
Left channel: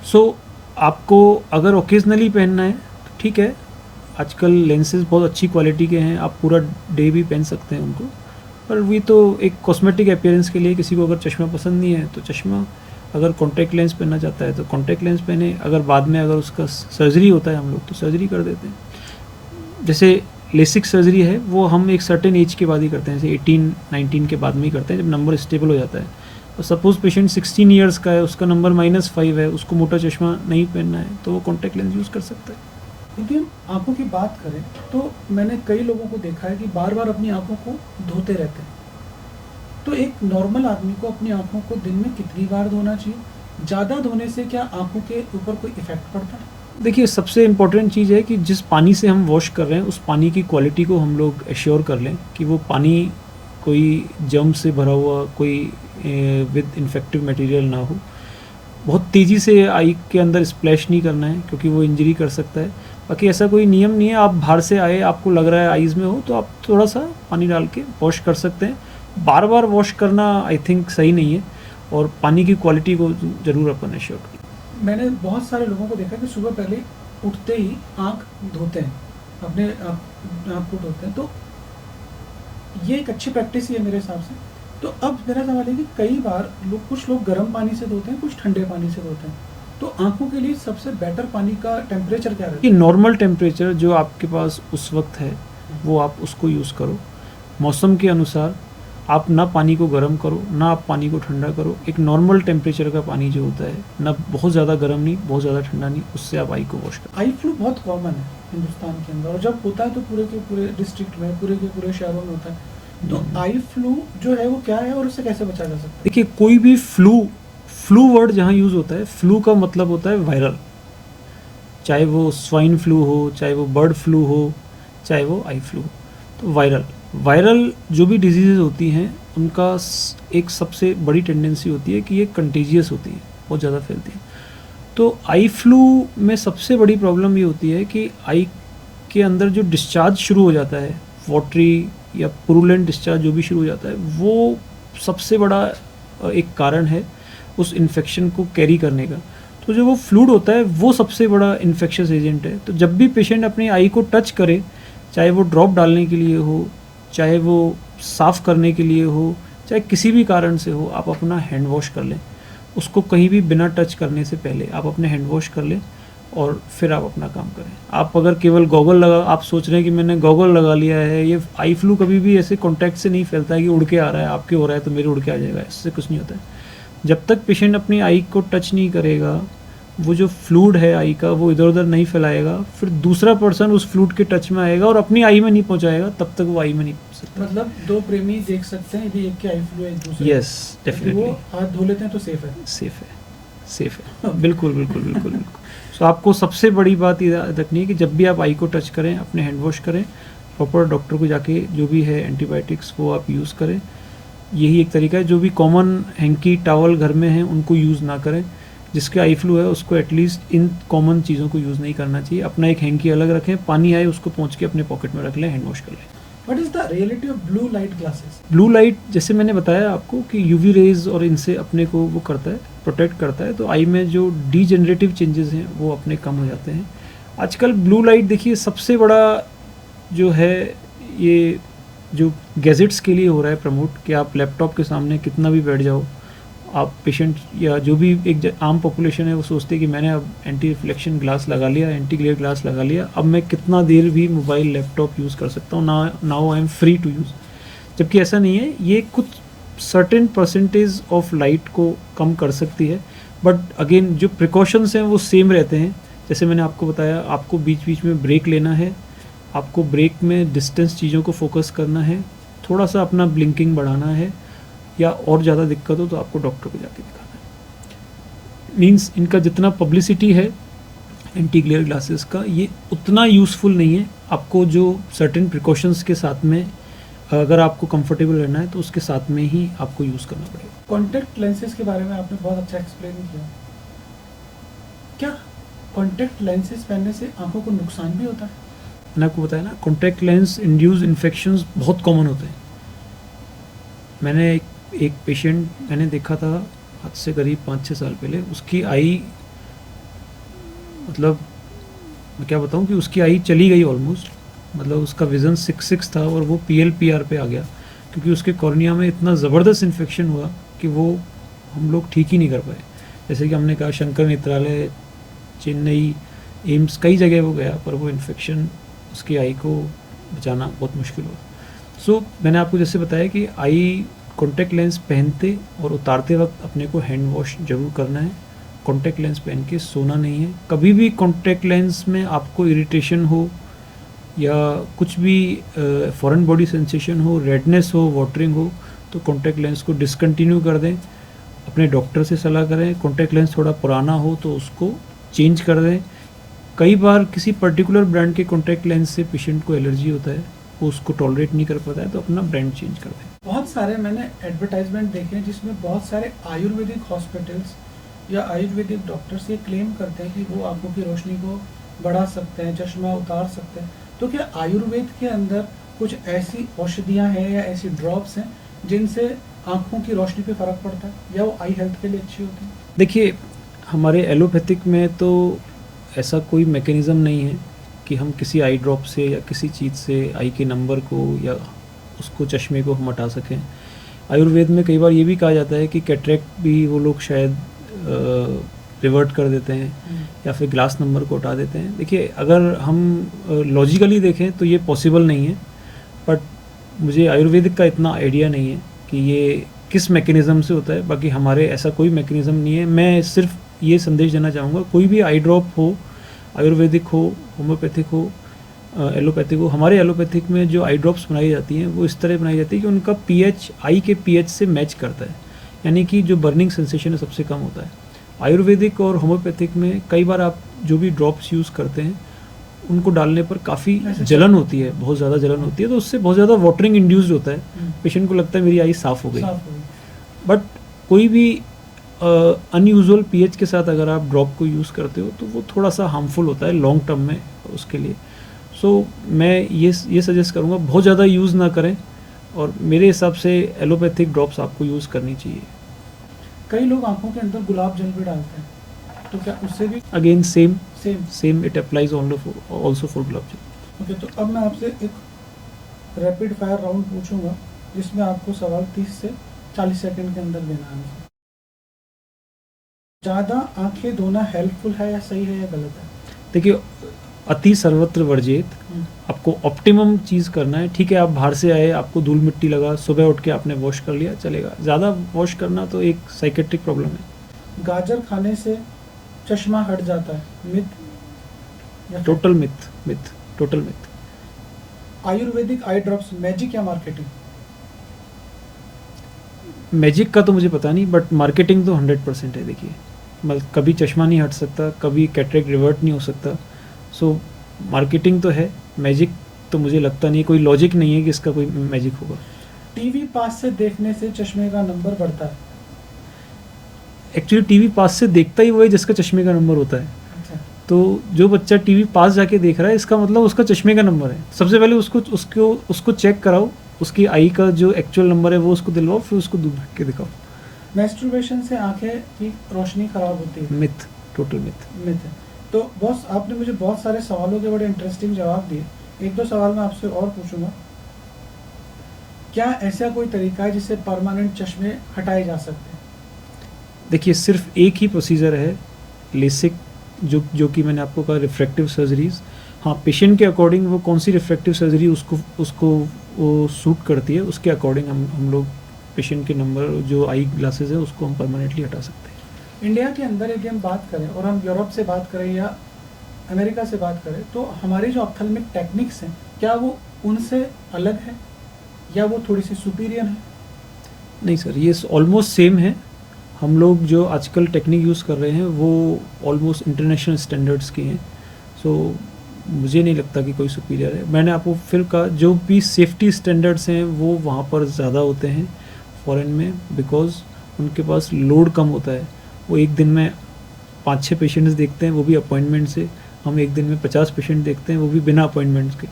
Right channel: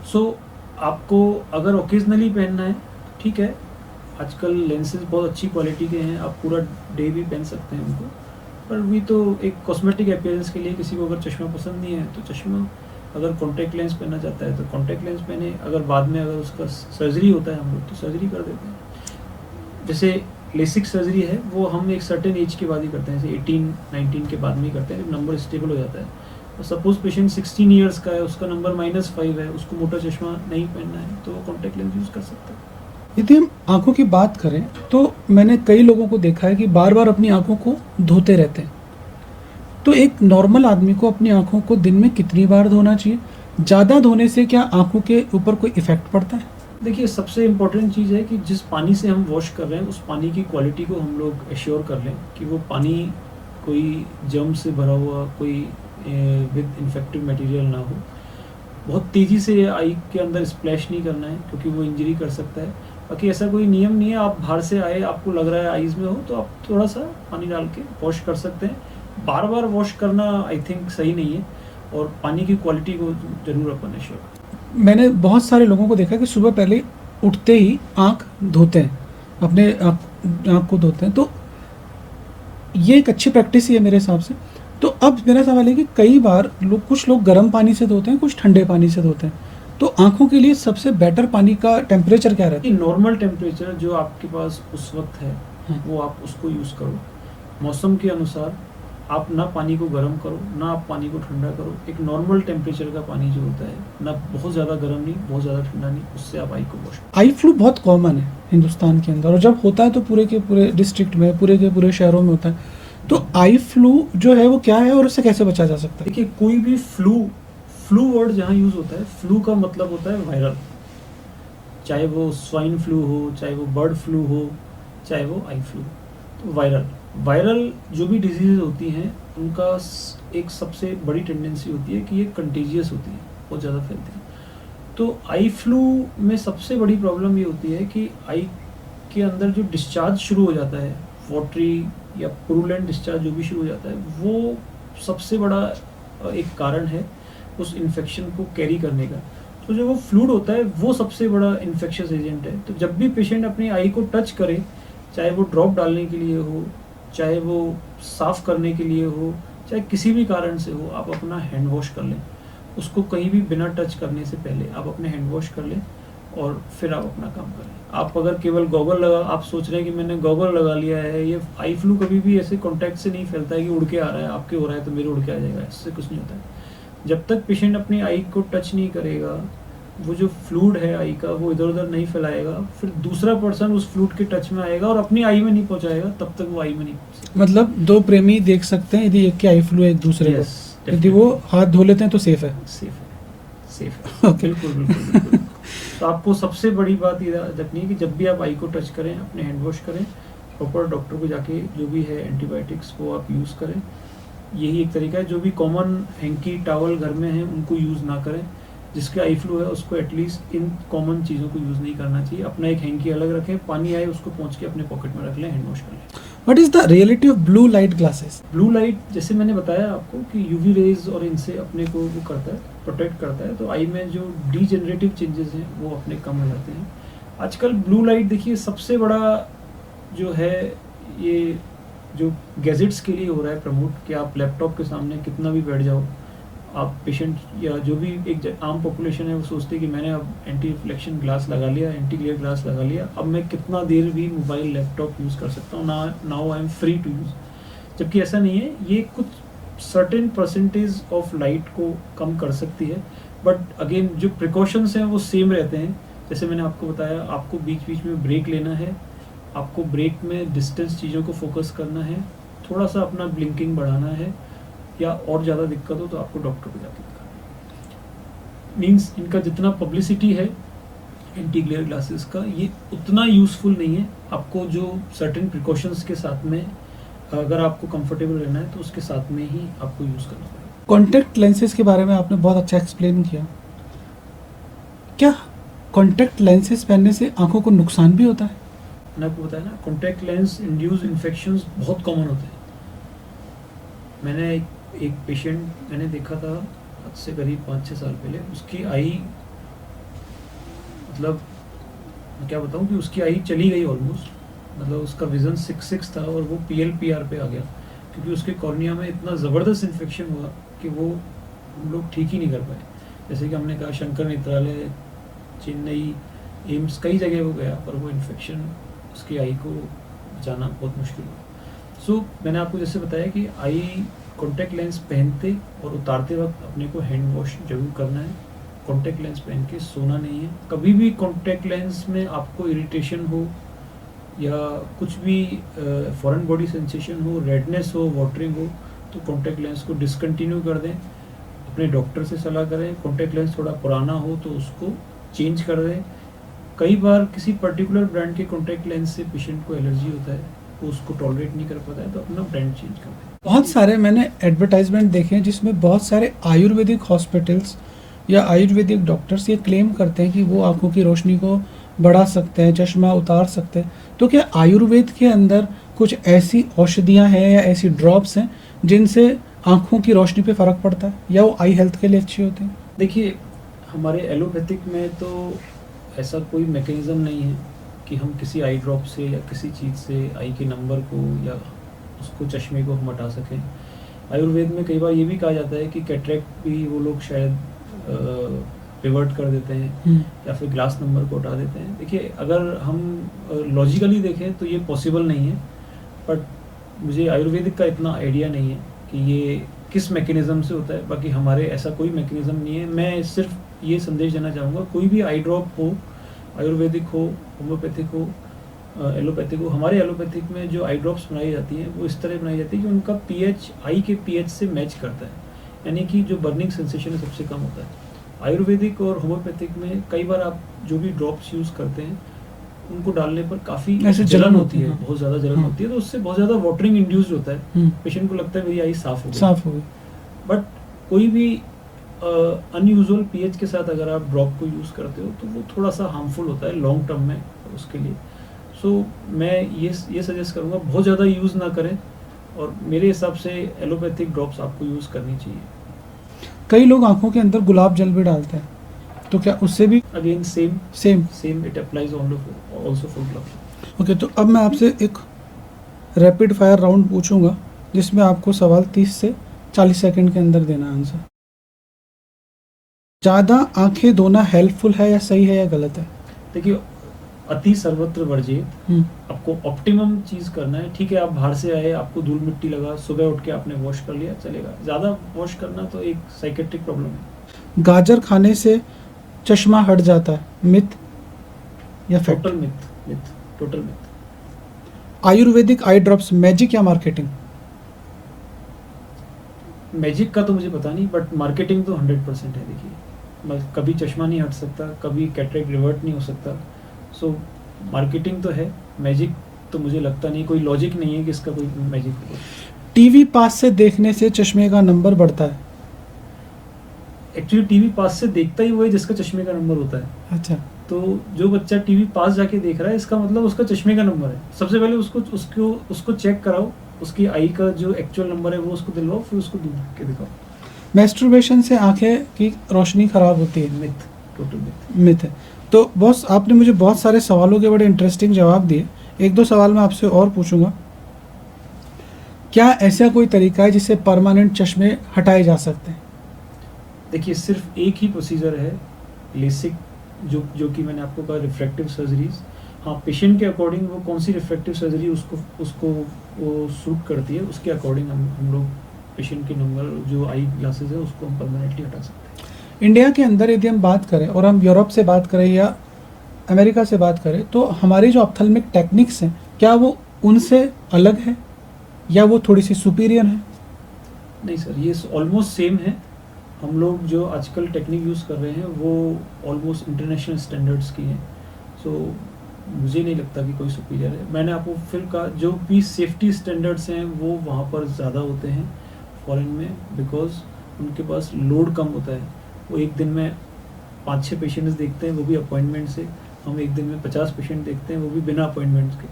सो आपको अगर ओकेजनली पहनना है तो ठीक है, आजकल लेंसेज बहुत अच्छी क्वालिटी के हैं, आप पूरा डे भी पहन सकते हैं उनको। पर भी तो एक कॉस्मेटिक अपीयरेंस के लिए किसी को अगर चश्मा पसंद नहीं है तो चश्मा, अगर कॉन्टैक्ट लेंस पहनना चाहता है तो कॉन्टैक्ट लेंस पहने। अगर बाद में अगर उसका सर्जरी होता है, हम लोग तो सर्जरी कर देते हैं। जैसे लेसिक सर्जरी है वो हम एक सर्टेन एज के बाद ही करते हैं, जैसे 18-19 के बाद में ही करते हैं, जब नंबर स्टेबल हो जाता है। तो सपोज पेशेंट 16 ईयर्स का है, उसका नंबर -5 है, उसको मोटा चश्मा नहीं पहनना है, तो वो कॉन्टैक्ट लेंस यूज़ कर सकता है। यदि हम आंखों की बात करें तो मैंने कई लोगों को देखा है कि बार बार अपनी आंखों को धोते रहते हैं। तो एक नॉर्मल आदमी को अपनी आंखों को दिन में कितनी बार धोना चाहिए? ज़्यादा धोने से क्या आंखों के ऊपर कोई इफेक्ट पड़ता है? देखिए सबसे इम्पोर्टेंट चीज़ है कि जिस पानी से हम वॉश कर रहे हैं उस पानी की क्वालिटी को हम लोग एश्योर कर लें कि वो पानी कोई जर्म से भरा हुआ, कोई विद इन्फेक्टिव मटेरियल ना हो। बहुत तेज़ी से आई के अंदर स्प्लैश नहीं करना है, क्योंकि वो इंजरी कर सकता है। बाकी ऐसा कोई नियम नहीं है, आप बाहर से आए, आपको लग रहा है आईज़ में हो, तो आप थोड़ा सा पानी डाल के वॉश कर सकते हैं। बार बार वॉश करना आई थिंक सही नहीं है, और पानी की क्वालिटी को ज़रूर अपन एश्योर करें। मैंने बहुत सारे लोगों को देखा कि सुबह पहले उठते ही आँख धोते हैं, अपने आँख को धोते हैं। तो ये एक अच्छी प्रैक्टिस ही है मेरे हिसाब से। तो अब मेरा सवाल है कि कई बार कुछ लोग गर्म पानी से धोते हैं, कुछ ठंडे पानी से धोते हैं। तो आंखों के लिए सबसे बेटर पानी का टेम्परेचर क्या रहता है? नॉर्मल टेम्परेचर जो आपके पास उस वक्त है वो आप उसको यूज़ करो। मौसम के अनुसार आप ना पानी को गर्म करो, ना आप पानी को ठंडा करो। एक नॉर्मल टेम्परेचर का पानी जो होता है, ना बहुत ज़्यादा गर्म नहीं, बहुत ज़्यादा ठंडा नहीं, उससे आप आई को वॉश करो। आई फ्लू बहुत कॉमन है हिंदुस्तान के अंदर, और जब होता है तो पूरे के पूरे डिस्ट्रिक्ट में, पूरे के पूरे शहरों में होता है। तो आई फ्लू जो है वो क्या है और उससे कैसे बचा जा सकता है? देखिए कोई भी फ्लू वर्ड जहाँ यूज़ होता है, फ्लू का मतलब होता है वायरल। चाहे वो स्वाइन फ्लू हो, चाहे वो बर्ड फ्लू हो, चाहे वो आई फ्लू। तो वायरल जो भी डिजीज़ होती हैं उनका एक सबसे बड़ी टेंडेंसी होती है कि ये कंटीजियस होती है, बहुत ज़्यादा फैलती है। तो आई फ्लू में सबसे बड़ी प्रॉब्लम ये होती है कि आई के अंदर जो डिस्चार्ज शुरू हो जाता है, वाटरी या पुरुलेंट डिस्चार्ज जो भी शुरू हो जाता है, वो सबसे बड़ा एक कारण है उस इन्फेक्शन को कैरी करने का। तो जो वो फ्लूइड होता है वो सबसे बड़ा इन्फेक्शियस एजेंट है। तो जब भी पेशेंट अपनी आई को टच करे, चाहे वो ड्रॉप डालने के लिए हो, चाहे वो साफ़ करने के लिए हो, चाहे किसी भी कारण से हो, आप अपना हैंड वॉश कर लें। उसको कहीं भी बिना टच करने से पहले आप अपने हैंड वॉश कर लें और फिर आप अपना काम करें। आप अगर केवल गॉगल लगा, आप सोच रहे हैं कि मैंने गॉगल लगा लिया है, ये आई फ्लू कभी भी ऐसे कॉन्टैक्ट से नहीं फैलता है कि उड़ के आ रहा है, आपके हो रहा है तो मेरे उड़ के आ जाएगा, इससे कुछ नहीं होता है। जब तक पेशेंट अपनी आई को टच नहीं करेगा, वो जो फ्लूइड है आई का वो इधर उधर नहीं फैलाएगा, फिर दूसरा पर्सन उस फ्लूइड के टच में आएगा और अपनी आई में नहीं पहुंचाएगा, तब तक वो आई में नहीं पहुंच सकता। मतलब दो प्रेमी देख सकते हैं यदि एक की आई फ्लू है एक दूसरे को, यस, यदि वो हाथ धो लेते हैं तो सेफ है। सेफ है बिल्कुल बिल्कुल बिल्कुल बिल्कुल। तो आपको सबसे बड़ी बात ये याद रखनी है कि जब भी आप आई को टच करें, अपने हैंड वॉश करें, प्रॉपर डॉक्टर को जाके जो भी है एंटीबायोटिक्स वो आप यूज़ करें। यही एक तरीका है। जो भी कॉमन हैंकी टॉवल घर में हैं उनको यूज़ ना करें। जिसके आई फ्लू है उसको एटलीस्ट इन कॉमन चीज़ों को यूज़ नहीं करना चाहिए। अपना एक हैंकी अलग रखें, पानी आए उसको पहुँच के अपने पॉकेट में रख लें, हैंड वॉश कर लें। What is the reality of blue light glasses? Blue light जैसे मैंने बताया आपको कि यूवी रेज और इनसे अपने को वो करता है, प्रोटेक्ट करता है। तो आई में जो डीजेनरेटिव चेंजेस हैं वो अपने कम हो जाते हैं। आजकल ब्लू लाइट देखिए सबसे बड़ा जो है ये जो गैजेट्स के लिए हो रहा है प्रमोट, कि आप लैपटॉप के सामने कितना भी बैठ जाओ, आप पेशेंट या जो भी एक आम पॉपुलेशन है वो सोचते हैं कि मैंने अब एंटी रिफ्लेक्शन ग्लास लगा लिया, एंटी ग्लेयर ग्लास लगा लिया, अब मैं कितना देर भी मोबाइल लैपटॉप यूज़ कर सकता हूँ, now I am free to use. जबकि ऐसा नहीं है। ये कुछ सर्टेन परसेंटेज ऑफ लाइट को कम कर सकती है, बट अगेन जो प्रिकॉशंस हैं वो सेम रहते हैं। जैसे मैंने आपको बताया, आपको बीच बीच में ब्रेक लेना है, आपको ब्रेक में डिस्टेंस चीज़ों को फोकस करना है, थोड़ा सा अपना ब्लिंकिंग बढ़ाना है, या और ज़्यादा दिक्कत हो तो आपको डॉक्टर को जाके दिखाना है। मीन्स इनका जितना पब्लिसिटी है एंटी ग्लेयर ग्लासेस का, ये उतना यूज़फुल नहीं है। आपको जो सर्टेन प्रिकॉशंस के साथ में अगर आपको कंफर्टेबल रहना है तो उसके साथ में ही आपको यूज़ करना पड़ेगा। कॉन्टैक्ट लेंसेज के बारे में आपने बहुत अच्छा एक्सप्लेन किया। क्या कॉन्टैक्ट लेंसेज पहनने से आंखों को नुकसान भी होता है? मैंने आपको बताया ना, कॉन्टैक्ट लेंस इंड्यूस इन्फेक्शंस बहुत कॉमन होते हैं। मैंने एक पेशेंट मैंने देखा था आज से करीब 5-6 साल पहले। उसकी आई, मतलब क्या बताऊं कि उसकी आई चली गई ऑलमोस्ट, मतलब उसका विज़न 6 था और वो PLPR पे आ गया, क्योंकि उसके कॉर्निया में इतना ज़बरदस्त इन्फेक्शन हुआ कि वो हम लोग ठीक ही नहीं कर पाए। जैसे कि हमने कहा शंकर नेत्रालय, चेन्नई, एम्स, कई जगह वो गया, पर वो इन्फेक्शन उसकी आई को बचाना बहुत मुश्किल हुआ। सो मैंने आपको जैसे बताया कि आई कॉन्टैक्ट लेंस पहनते और उतारते वक्त अपने को हैंड वॉश जरूर करना है। कॉन्टैक्ट लेंस पहन के सोना नहीं है। कभी भी कॉन्टैक्ट लेंस में आपको इरिटेशन हो या कुछ भी फॉरेन बॉडी सेंसेशन हो, रेडनेस हो, वाटरिंग हो, तो कॉन्टैक्ट लेंस को डिसकंटिन्यू कर दें। अपने डॉक्टर से सलाह करें। कॉन्टैक्ट लेंस थोड़ा पुराना हो तो उसको चेंज कर दें। कई बार किसी पर्टिकुलर ब्रांड के कॉन्टैक्ट लेंस से पेशेंट को एलर्जी होता है, वो उसको टॉलरेट नहीं कर पाता है, तो अपना ब्रांड चेंज कर दें। बहुत सारे मैंने एडवर्टाइजमेंट देखे हैं जिसमें बहुत सारे आयुर्वेदिक हॉस्पिटल्स या आयुर्वेदिक डॉक्टर्स ये क्लेम करते हैं कि वो आंखों की रोशनी को बढ़ा सकते हैं, चश्मा उतार सकते हैं। तो क्या आयुर्वेद के अंदर कुछ ऐसी औषधियाँ हैं या ऐसी ड्रॉप्स हैं जिनसे आंखों की रोशनी पे फ़र्क पड़ता है या वो आई हेल्थ के लिए अच्छी होती है? देखिए, हमारे एलोपैथिक में तो ऐसा कोई मैकेनिज़्म नहीं है कि हम किसी आई ड्रॉप से या किसी चीज़ से आई के नंबर को या उसको चश्मे को हम हटा सकें। आयुर्वेद में कई बार ये भी कहा जाता है कि कैटरेक्ट भी वो लोग शायद रिवर्ट कर देते हैं या फिर ग्लास नंबर को हटा देते हैं। देखिए, अगर हम लॉजिकली देखें तो ये पॉसिबल नहीं है, बट मुझे आयुर्वेदिक का इतना आइडिया नहीं है कि ये किस मैकेनिज़्म से होता है। बाकी हमारे ऐसा कोई मैकेनिज़्म नहीं है। मैं सिर्फ ये संदेश देना चाहूँगा, कोई भी आई ड्रॉप हो, आयुर्वेदिक हो, होम्योपैथिक हो, एलोपैथिक हो, हमारे एलोपैथिक में जो आई ड्रॉप्स बनाई जाती हैं वो इस तरह बनाई जाती है कि उनका पीएच आई के पीएच से मैच करता है, यानी कि जो बर्निंग सेंसेशन है सबसे कम होता है। आयुर्वेदिक और होम्योपैथिक में कई बार आप जो भी ड्रॉप्स यूज़ करते हैं उनको डालने पर काफ़ी ऐसे जलन होती है, हाँ। बहुत ज़्यादा जलन हाँ। होती है, तो उससे बहुत ज़्यादा वाटरिंग इंड्यूस्ड होता है। पेशेंट को लगता है मेरी आई साफ़ हो गई। साफ हो गई। बट कोई भी अनयूजुअल पीएच के साथ अगर आप ड्रॉप को यूज़ करते हो तो वो थोड़ा सा हार्मफुल होता है लॉन्ग टर्म में उसके लिए। सो मैं ये सजेस्ट करूँगा बहुत ज़्यादा यूज़ ना करें, और मेरे हिसाब से एलोपैथिक ड्रॉप्स आपको यूज़ करनी चाहिए। कई लोग आंखों के अंदर गुलाब जल भी डालते हैं, तो क्या उससे भी again same? Same it applies also for gulab. Okay, तो अब मैं आपसे एक रैपिड फायर राउंड पूछूंगा जिसमें आपको सवाल 30 से 40 सेकंड के अंदर देना है आंसर। ज़्यादा आंखें धोना हेल्पफुल है या सही है या गलत है? देखिए, अति सर्वत्र वर्जित। आपको ऑप्टिमम चीज़ करना है। ठीक है, आप बाहर से आए, आपको धूल मिट्टी लगा, सुबह उठ के आपने वॉश कर लिया, चलेगा। ज़्यादा वॉश करना तो एक साइकेट्रिक प्रॉब्लम है। गाजर खाने से चश्मा हट जाता है, मिथ या fact? Total myth, total myth. Ayurvedic eye drops magic या मार्केटिंग? मैजिक का तो मुझे पता नहीं, बट मार्केटिंग तो 100% है। देखिए, मतलब कभी चश्मा नहीं हट सकता, कभी कैटरेक्ट रिवर्ट नहीं हो सकता। सो मार्केटिंग तो है, मैजिक तो मुझे लगता नहीं, कोई लॉजिक नहीं है कि इसका कोई मैजिक होगा। टीवी पास से देखने से चश्मे का नंबर बढ़ता है? एक्चुअली टीवी पास से देखता ही वो है जिसका चश्मे का नंबर होता है। अच्छा, तो जो बच्चा टीवी पास जाके देख रहा है, इसका मतलब उसका चश्मे का नंबर है। सबसे पहले उसको चेक कराओ, उसकी आई का जो एक्चुअल नंबर है वो उसको दिलवाओ, फिर उसको दूर रख के दिखाओ। मैस्टरबेशन से आंखें की रोशनी खराब होती है? Myth, total myth. मिथ है। तो बॉस, आपने मुझे बहुत सारे सवालों के बड़े इंटरेस्टिंग जवाब दिए। एक दो सवाल मैं आपसे और पूछूंगा। क्या ऐसा कोई तरीका है जिससे परमानेंट चश्मे हटाए जा सकते हैं? देखिए, सिर्फ एक ही प्रोसीजर है, लेसिक, जो कि मैंने आपको कहा रिफ्रैक्टिव सर्जरीज। हाँ, पेशेंट के अकॉर्डिंग वो कौन सी रिफ्रैक्टिव सर्जरी उसको वो सूट करती है, उसके अकॉर्डिंग हम लोग पेशेंट के नंबर जो आई ग्लासेस है उसको हम परमानेंटली हटा सकते हैं। इंडिया के अंदर यदि हम बात करें और हम यूरोप से बात करें या अमेरिका से बात करें, तो हमारी जो ऑप्थेल्मिक टेक्निक्स हैं, क्या वो उनसे अलग है या वो थोड़ी सी सुपीरियर है? नहीं सर, ये ऑलमोस्ट सेम है। हम लोग जो आजकल टेक्निक यूज़ कर रहे हैं वो ऑलमोस्ट इंटरनेशनल स्टैंडर्ड्स की हैं। सो मुझे नहीं लगता कि कोई सुपीरियर है। मैंने आपको फिर कहा, जो भी सेफ्टी स्टैंडर्ड्स हैं वो वहाँ पर ज़्यादा होते हैं फॉरेन में, बिकॉज उनके पास लोड कम होता है। वो एक दिन में 5-6 पेशेंट्स देखते हैं, वो भी अपॉइंटमेंट से। हम एक दिन में 50 पेशेंट देखते हैं, वो भी बिना अपॉइंटमेंट्स के।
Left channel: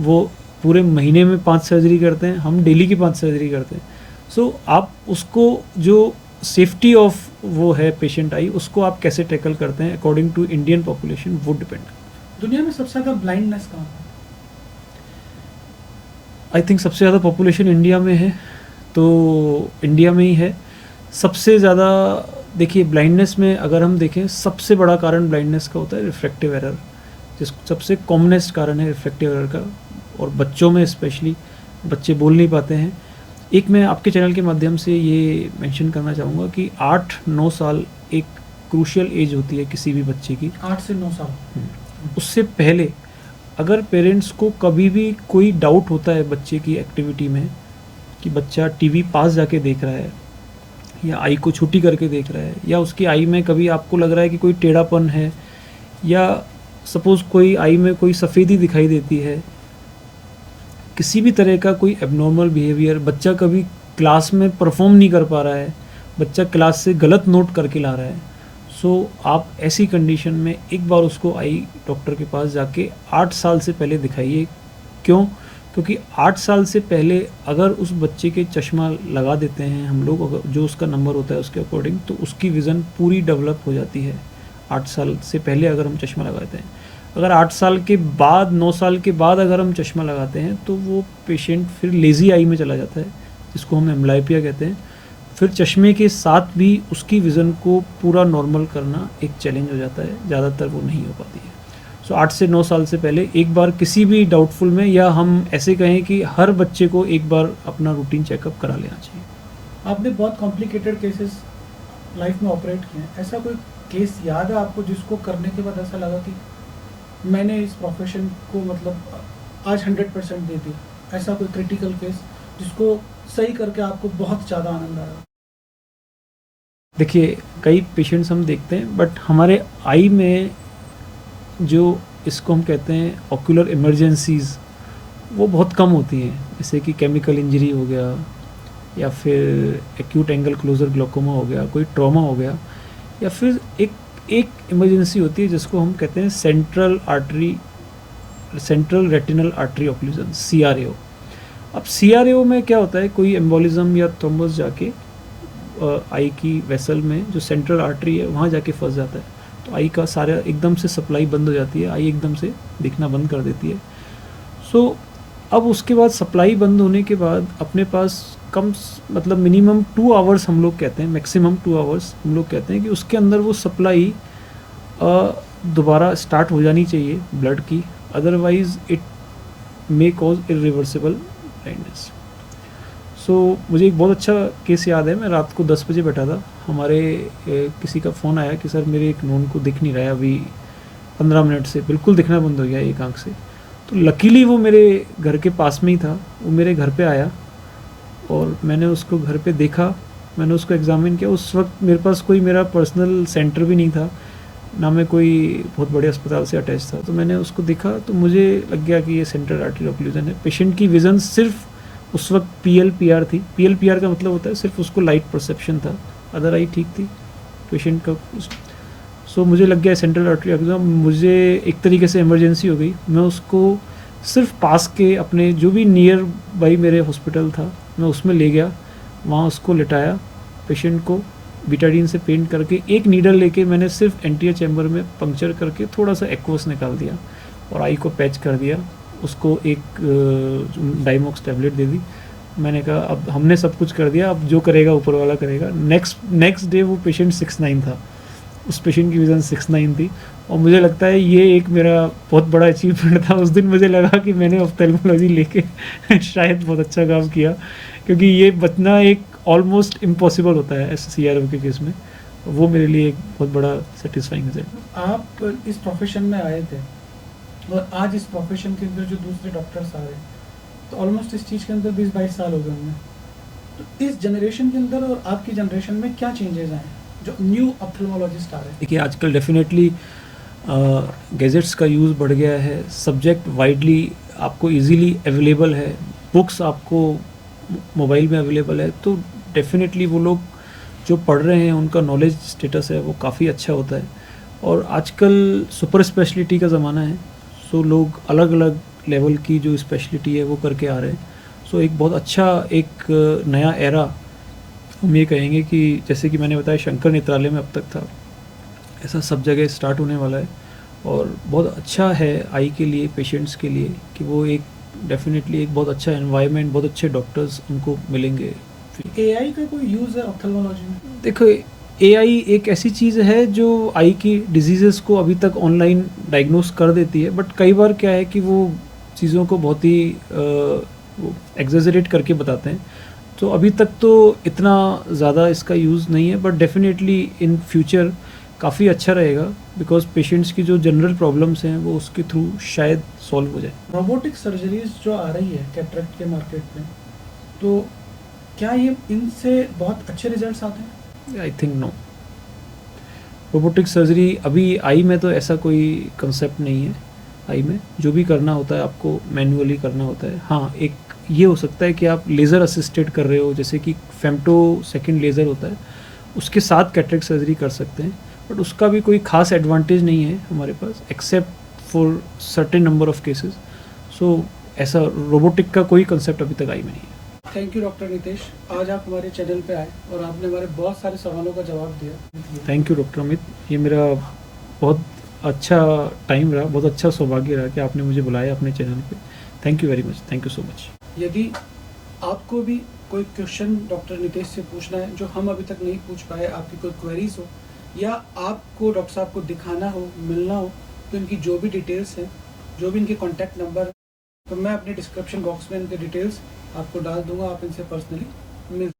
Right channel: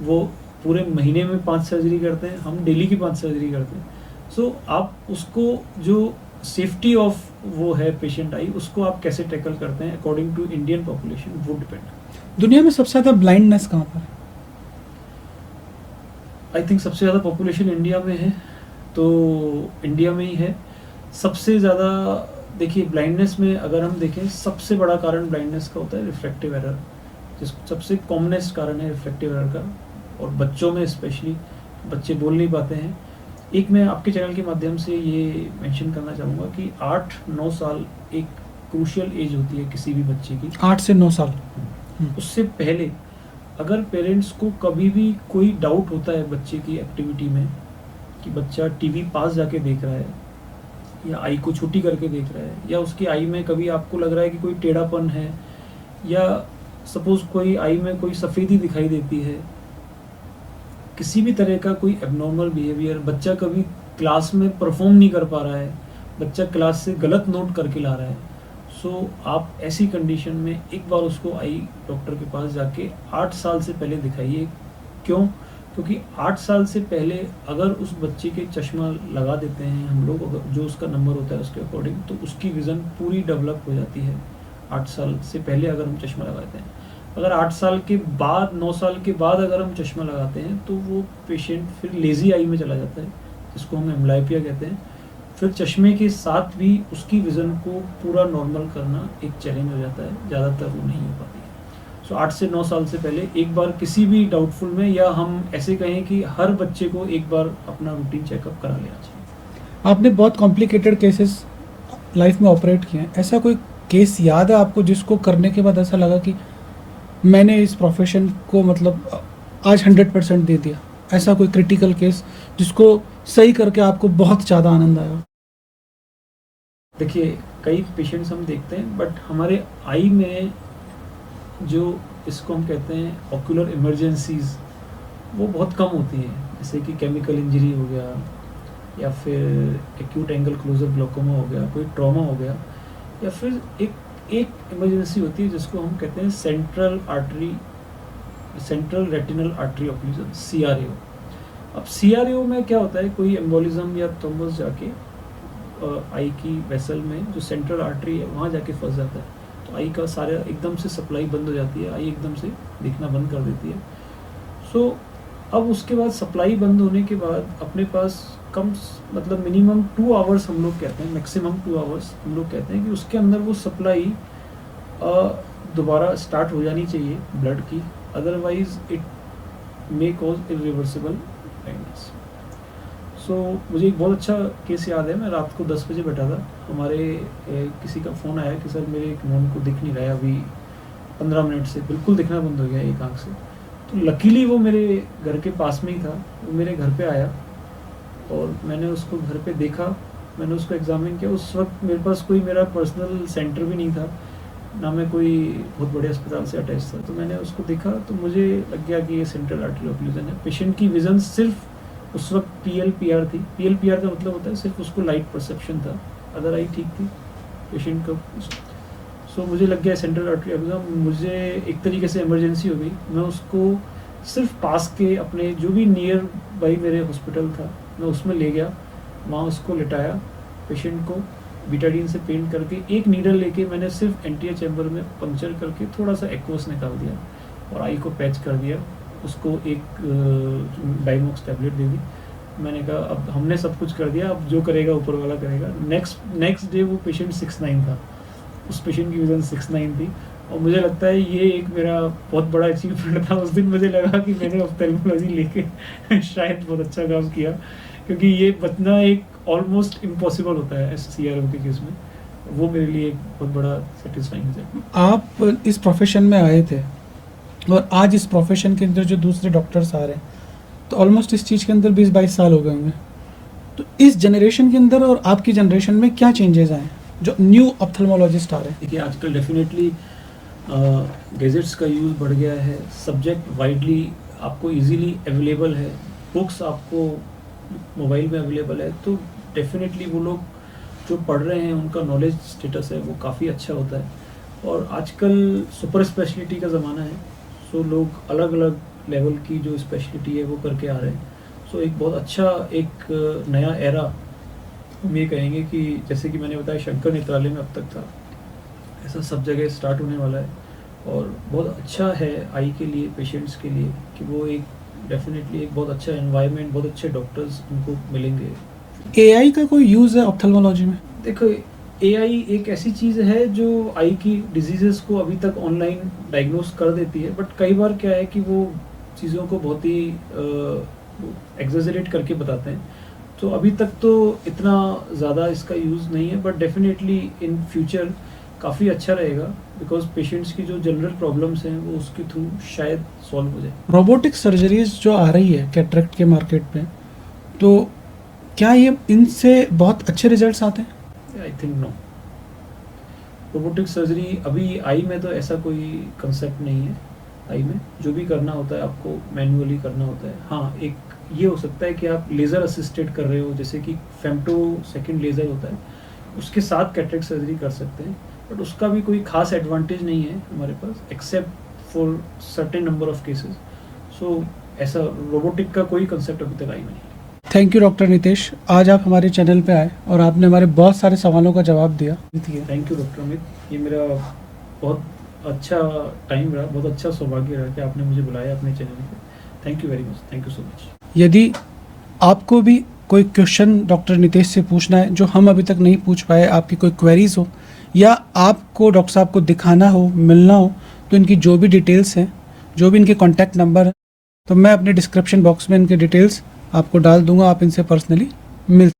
वो पूरे महीने में 5 सर्जरी करते हैं, हम डेली की 5 सर्जरी करते हैं। सो आप उसको जो सेफ्टी ऑफ वो है पेशेंट आई, उसको आप कैसे टैकल करते हैं अकॉर्डिंग टू इंडियन पॉपुलेशन, वो डिपेंड। दुनिया में सबसे ज़्यादा ब्लाइंडनेस कहाँ पर? आई थिंक सबसे ज़्यादा पॉपुलेशन इंडिया में है, तो इंडिया में ही है सबसे ज़्यादा। देखिए, ब्लाइंडनेस में अगर हम देखें, सबसे बड़ा कारण ब्लाइंडनेस का होता है रिफ्रैक्टिव एरर, सबसे कॉमनेस्ट कारण है रिफ्रैक्टिव एरर का। और बच्चों में स्पेशली, बच्चे बोल नहीं पाते हैं। एक मैं आपके चैनल के माध्यम से ये मेंशन करना चाहूँगा कि 8-9 साल एक क्रूशियल एज होती है किसी भी बच्चे की। 8 से 9 साल। उससे पहले अगर पेरेंट्स को कभी भी कोई डाउट होता है बच्चे की एक्टिविटी में, कि बच्चा टीवी पास जाके देख रहा है या आई को छोटी करके देख रहा है, या उसकी आई में कभी आपको लग रहा है कि कोई टेढ़ापन है, या सपोज़ कोई आई में कोई सफ़ेदी दिखाई देती है, किसी भी तरह का कोई एबनॉर्मल बिहेवियर, बच्चा कभी क्लास में परफॉर्म नहीं कर पा रहा है, बच्चा क्लास से गलत नोट करके ला रहा है, सो आप ऐसी कंडीशन में एक बार उसको आई डॉक्टर के पास जाके 8 साल से पहले दिखाइए। क्यों? क्योंकि 8 साल से पहले अगर उस बच्चे के चश्मा लगा देते हैं हम लोग, अगर जो उसका नंबर होता है उसके अकॉर्डिंग, तो उसकी विज़न पूरी डेवलप हो जाती है 8 साल से पहले अगर हम चश्मा लगाते हैं। अगर 8 साल के बाद, 9 साल के बाद अगर हम चश्मा लगाते हैं तो वो पेशेंट फिर लेज़ी आई में चला जाता है, जिसको हम एम्ब्लाइपिया कहते हैं। फिर चश्मे के साथ भी उसकी विज़न को पूरा नॉर्मल करना एक चैलेंज हो जाता है, ज़्यादातर वो नहीं हो पाती है। सो 8 से 9 साल से पहले एक बार किसी भी डाउटफुल में, या हम ऐसे कहें कि हर बच्चे को एक बार अपना रूटीन चेकअप करा लेना चाहिए। आपने बहुत कॉम्प्लिकेटेड केसेस लाइफ में ऑपरेट किए हैं, ऐसा कोई केस याद है आपको जिसको करने के बाद ऐसा लगा कि मैंने इस प्रोफेशन को मतलब आज 100% दे दिया? ऐसा कोई क्रिटिकल केस जिसको सही करके आपको बहुत ज़्यादा आनंद आया? देखिए, कई पेशेंट्स हम देखते हैं, बट हमारे आई में जो इसको हम कहते हैं ऑक्यूलर इमरजेंसीज, वो बहुत कम होती हैं। जैसे कि केमिकल इंजरी हो गया, या फिर एक्यूट एंगल क्लोजर ग्लोकोमा हो गया, कोई ट्रॉमा हो गया, या फिर एक इमरजेंसी होती है जिसको हम कहते हैं central retinal artery occlusion, CRAO। अब CRAO में क्या होता है, कोई एम्बोलिज्म या थ्रोम्बस जाके आई की वेसल में जो सेंट्रल आर्टरी है वहाँ जाके फंस जाता है, तो आई का सारा एकदम से सप्लाई बंद हो जाती है, आई एकदम से दिखना बंद कर देती है। सो अब उसके बाद सप्लाई बंद होने के बाद अपने पास मतलब मिनिमम 2 आवर्स हम लोग कहते हैं, मैक्सिमम 2 आवर्स हम लोग कहते हैं कि उसके अंदर वो सप्लाई दोबारा स्टार्ट हो जानी चाहिए ब्लड की, otherwise it may cause irreversible blindness. So मुझे एक बहुत अच्छा केस याद है, मैं रात को 10 बजे बैठा था, हमारे किसी का फ़ोन आया कि सर मेरे एक नॉन को दिख नहीं रहा है अभी 15 मिनट से, बिल्कुल दिखना बंद हो गया एक आंख से। तो लकीली वो मेरे घर के पास में ही था, वो मेरे घर पे आया और मैंने उसको घर पे देखा, मैंने उसको एग्जामिन किया। उस वक्त मेरे पास कोई मेरा पर्सनल सेंटर भी नहीं था, ना मैं कोई बहुत बड़े अस्पताल से अटैच था, तो मैंने उसको देखा तो मुझे लग गया कि ये सेंट्रल आर्टरी ऑक्लूजन है। पेशेंट की विज़न सिर्फ उस वक्त PLPR थी। PLPR का मतलब होता है सिर्फ उसको लाइट परसेप्शन था, अदर आई ठीक थी पेशेंट को। सो मुझे लग गया सेंट्रल आर्टरी ऑक्लूजन, मुझे एक तरीके से इमरजेंसी हो गई। मैं उसको सिर्फ पास के अपने जो भी नियर बाई मेरे हॉस्पिटल था मैं उसमें ले गया, वहाँ उसको लिटाया, पेशेंट को बीटाडीन से पेंट करके एक नीडल लेके मैंने सिर्फ एंटीरियर चैम्बर में पंक्चर करके थोड़ा सा एक्वस निकाल दिया और आई को पैच कर दिया, उसको एक डाइमॉक्स टैबलेट दे दी। मैंने कहा अब हमने सब कुछ कर दिया, अब जो करेगा ऊपर वाला करेगा। नेक्स्ट डे वो पेशेंट 6'9" था, उस पेशेंट की विजन 6'9" थी, और मुझे लगता है ये एक मेरा बहुत बड़ा अचीवमेंट था। उस दिन मुझे लगा कि मैंने ऑफ्थेल्मोलॉजी लेके शायद बहुत अच्छा काम किया, क्योंकि ये बचना एक ऑलमोस्ट इम्पॉसिबल होता है CRAO के केस में। वो मेरे लिए एक बहुत बड़ा सेटिस्फाइंग है। आप इस प्रोफेशन में आए थे और आज इस प्रोफेशन के अंदर जो दूसरे डॉक्टर्स आ रहे हैं, तो ऑलमोस्ट इस चीज़ के अंदर 20-22 साल हो गए होंगे। तो इस जनरेशन के अंदर और आपकी जनरेशन में क्या चेंजेस आए जो न्यू ऑप्थेल्मोलॉजिस्ट आ रहे हैं? देखिए, आजकल डेफिनेटली गैजेट्स का यूज़ बढ़ गया है, सब्जेक्ट वाइडली आपको इजीली अवेलेबल है, बुक्स आपको मोबाइल में अवेलेबल है, तो डेफिनेटली वो लोग जो पढ़ रहे हैं उनका नॉलेज स्टेटस है वो काफ़ी अच्छा होता है। और आजकल सुपर स्पेशलिटी का ज़माना है, सो लोग अलग अलग लेवल की जो स्पेशलिटी है वो करके आ रहे हैं। सो एक बहुत अच्छा एक नया एरा हम ये कहेंगे कि जैसे कि मैंने बताया शंकर नेत्रालय में अब तक था, ऐसा सब जगह स्टार्ट होने वाला है। और बहुत अच्छा है आई के लिए, पेशेंट्स के लिए, कि वो एक डेफिनेटली एक बहुत अच्छा एनवायरनमेंट, बहुत अच्छे डॉक्टर्स उनको मिलेंगे। AI का कोई यूज़ है ऑप्थेल्मोलॉजी में? देखो, AI एक ऐसी चीज़ है जो आई की डिजीज़ेस को अभी तक ऑनलाइन डायग्नोस कर देती है, बट कई बार क्या है कि वो चीज़ों को बहुत ही एग्जेजरेट करके बताते हैं। तो अभी तक तो इतना ज़्यादा इसका यूज़ नहीं है, बट डेफिनेटली इन फ्यूचर काफ़ी अच्छा रहेगा, बिकॉज पेशेंट्स की जो जनरल प्रॉब्लम्स हैं वो उसके थ्रू शायद सॉल्व हो जाए। रोबोटिक सर्जरीज जो आ रही है कैटरेक्ट के मार्केट में, तो क्या ये इनसे बहुत अच्छे रिजल्ट्स आते हैं? I think no. Robotic surgery अभी आई में तो ऐसा कोई कंसेप्ट नहीं है। आई में जो भी करना होता है आपको मैन्युअली करना होता है। हाँ, एक ये हो सकता है कि आप लेज़र असिस्टेड कर रहे हो, जैसे कि फेम्टो सेकंड लेज़र होता है, उसके साथ कैटरेक्ट सर्जरी कर सकते हैं, बट उसका भी कोई खास एडवांटेज नहीं है हमारे पास, except for certain number of cases. So ऐसा रोबोटिक का कोई कंसेप्ट अभी तक आई में नहीं है। थैंक यू डॉक्टर नितेश, आज आप हमारे चैनल पे आए और आपने हमारे बहुत सारे सवालों का जवाब दिया। थैंक यू डॉक्टर अमित, ये मेरा बहुत अच्छा टाइम रहा, बहुत अच्छा सौभाग्य रहा कि आपने मुझे बुलाया अपने चैनल पे। Thank you very much, thank you so much. यदि आपको भी कोई क्वेश्चन डॉक्टर नितेश से पूछना है जो हम अभी तक नहीं पूछ पाए, आपकी कोई क्वेरीज हो, या आपको डॉक्टर साहब को दिखाना हो, मिलना हो, तो इनकी जो भी डिटेल्स हैं, जो भी इनके कॉन्टैक्ट नंबर हैं, तो मैं अपने डिस्क्रिप्शन बॉक्स में इनके डिटेल्स आपको डाल दूंगा, आप इनसे पर्सनली मिल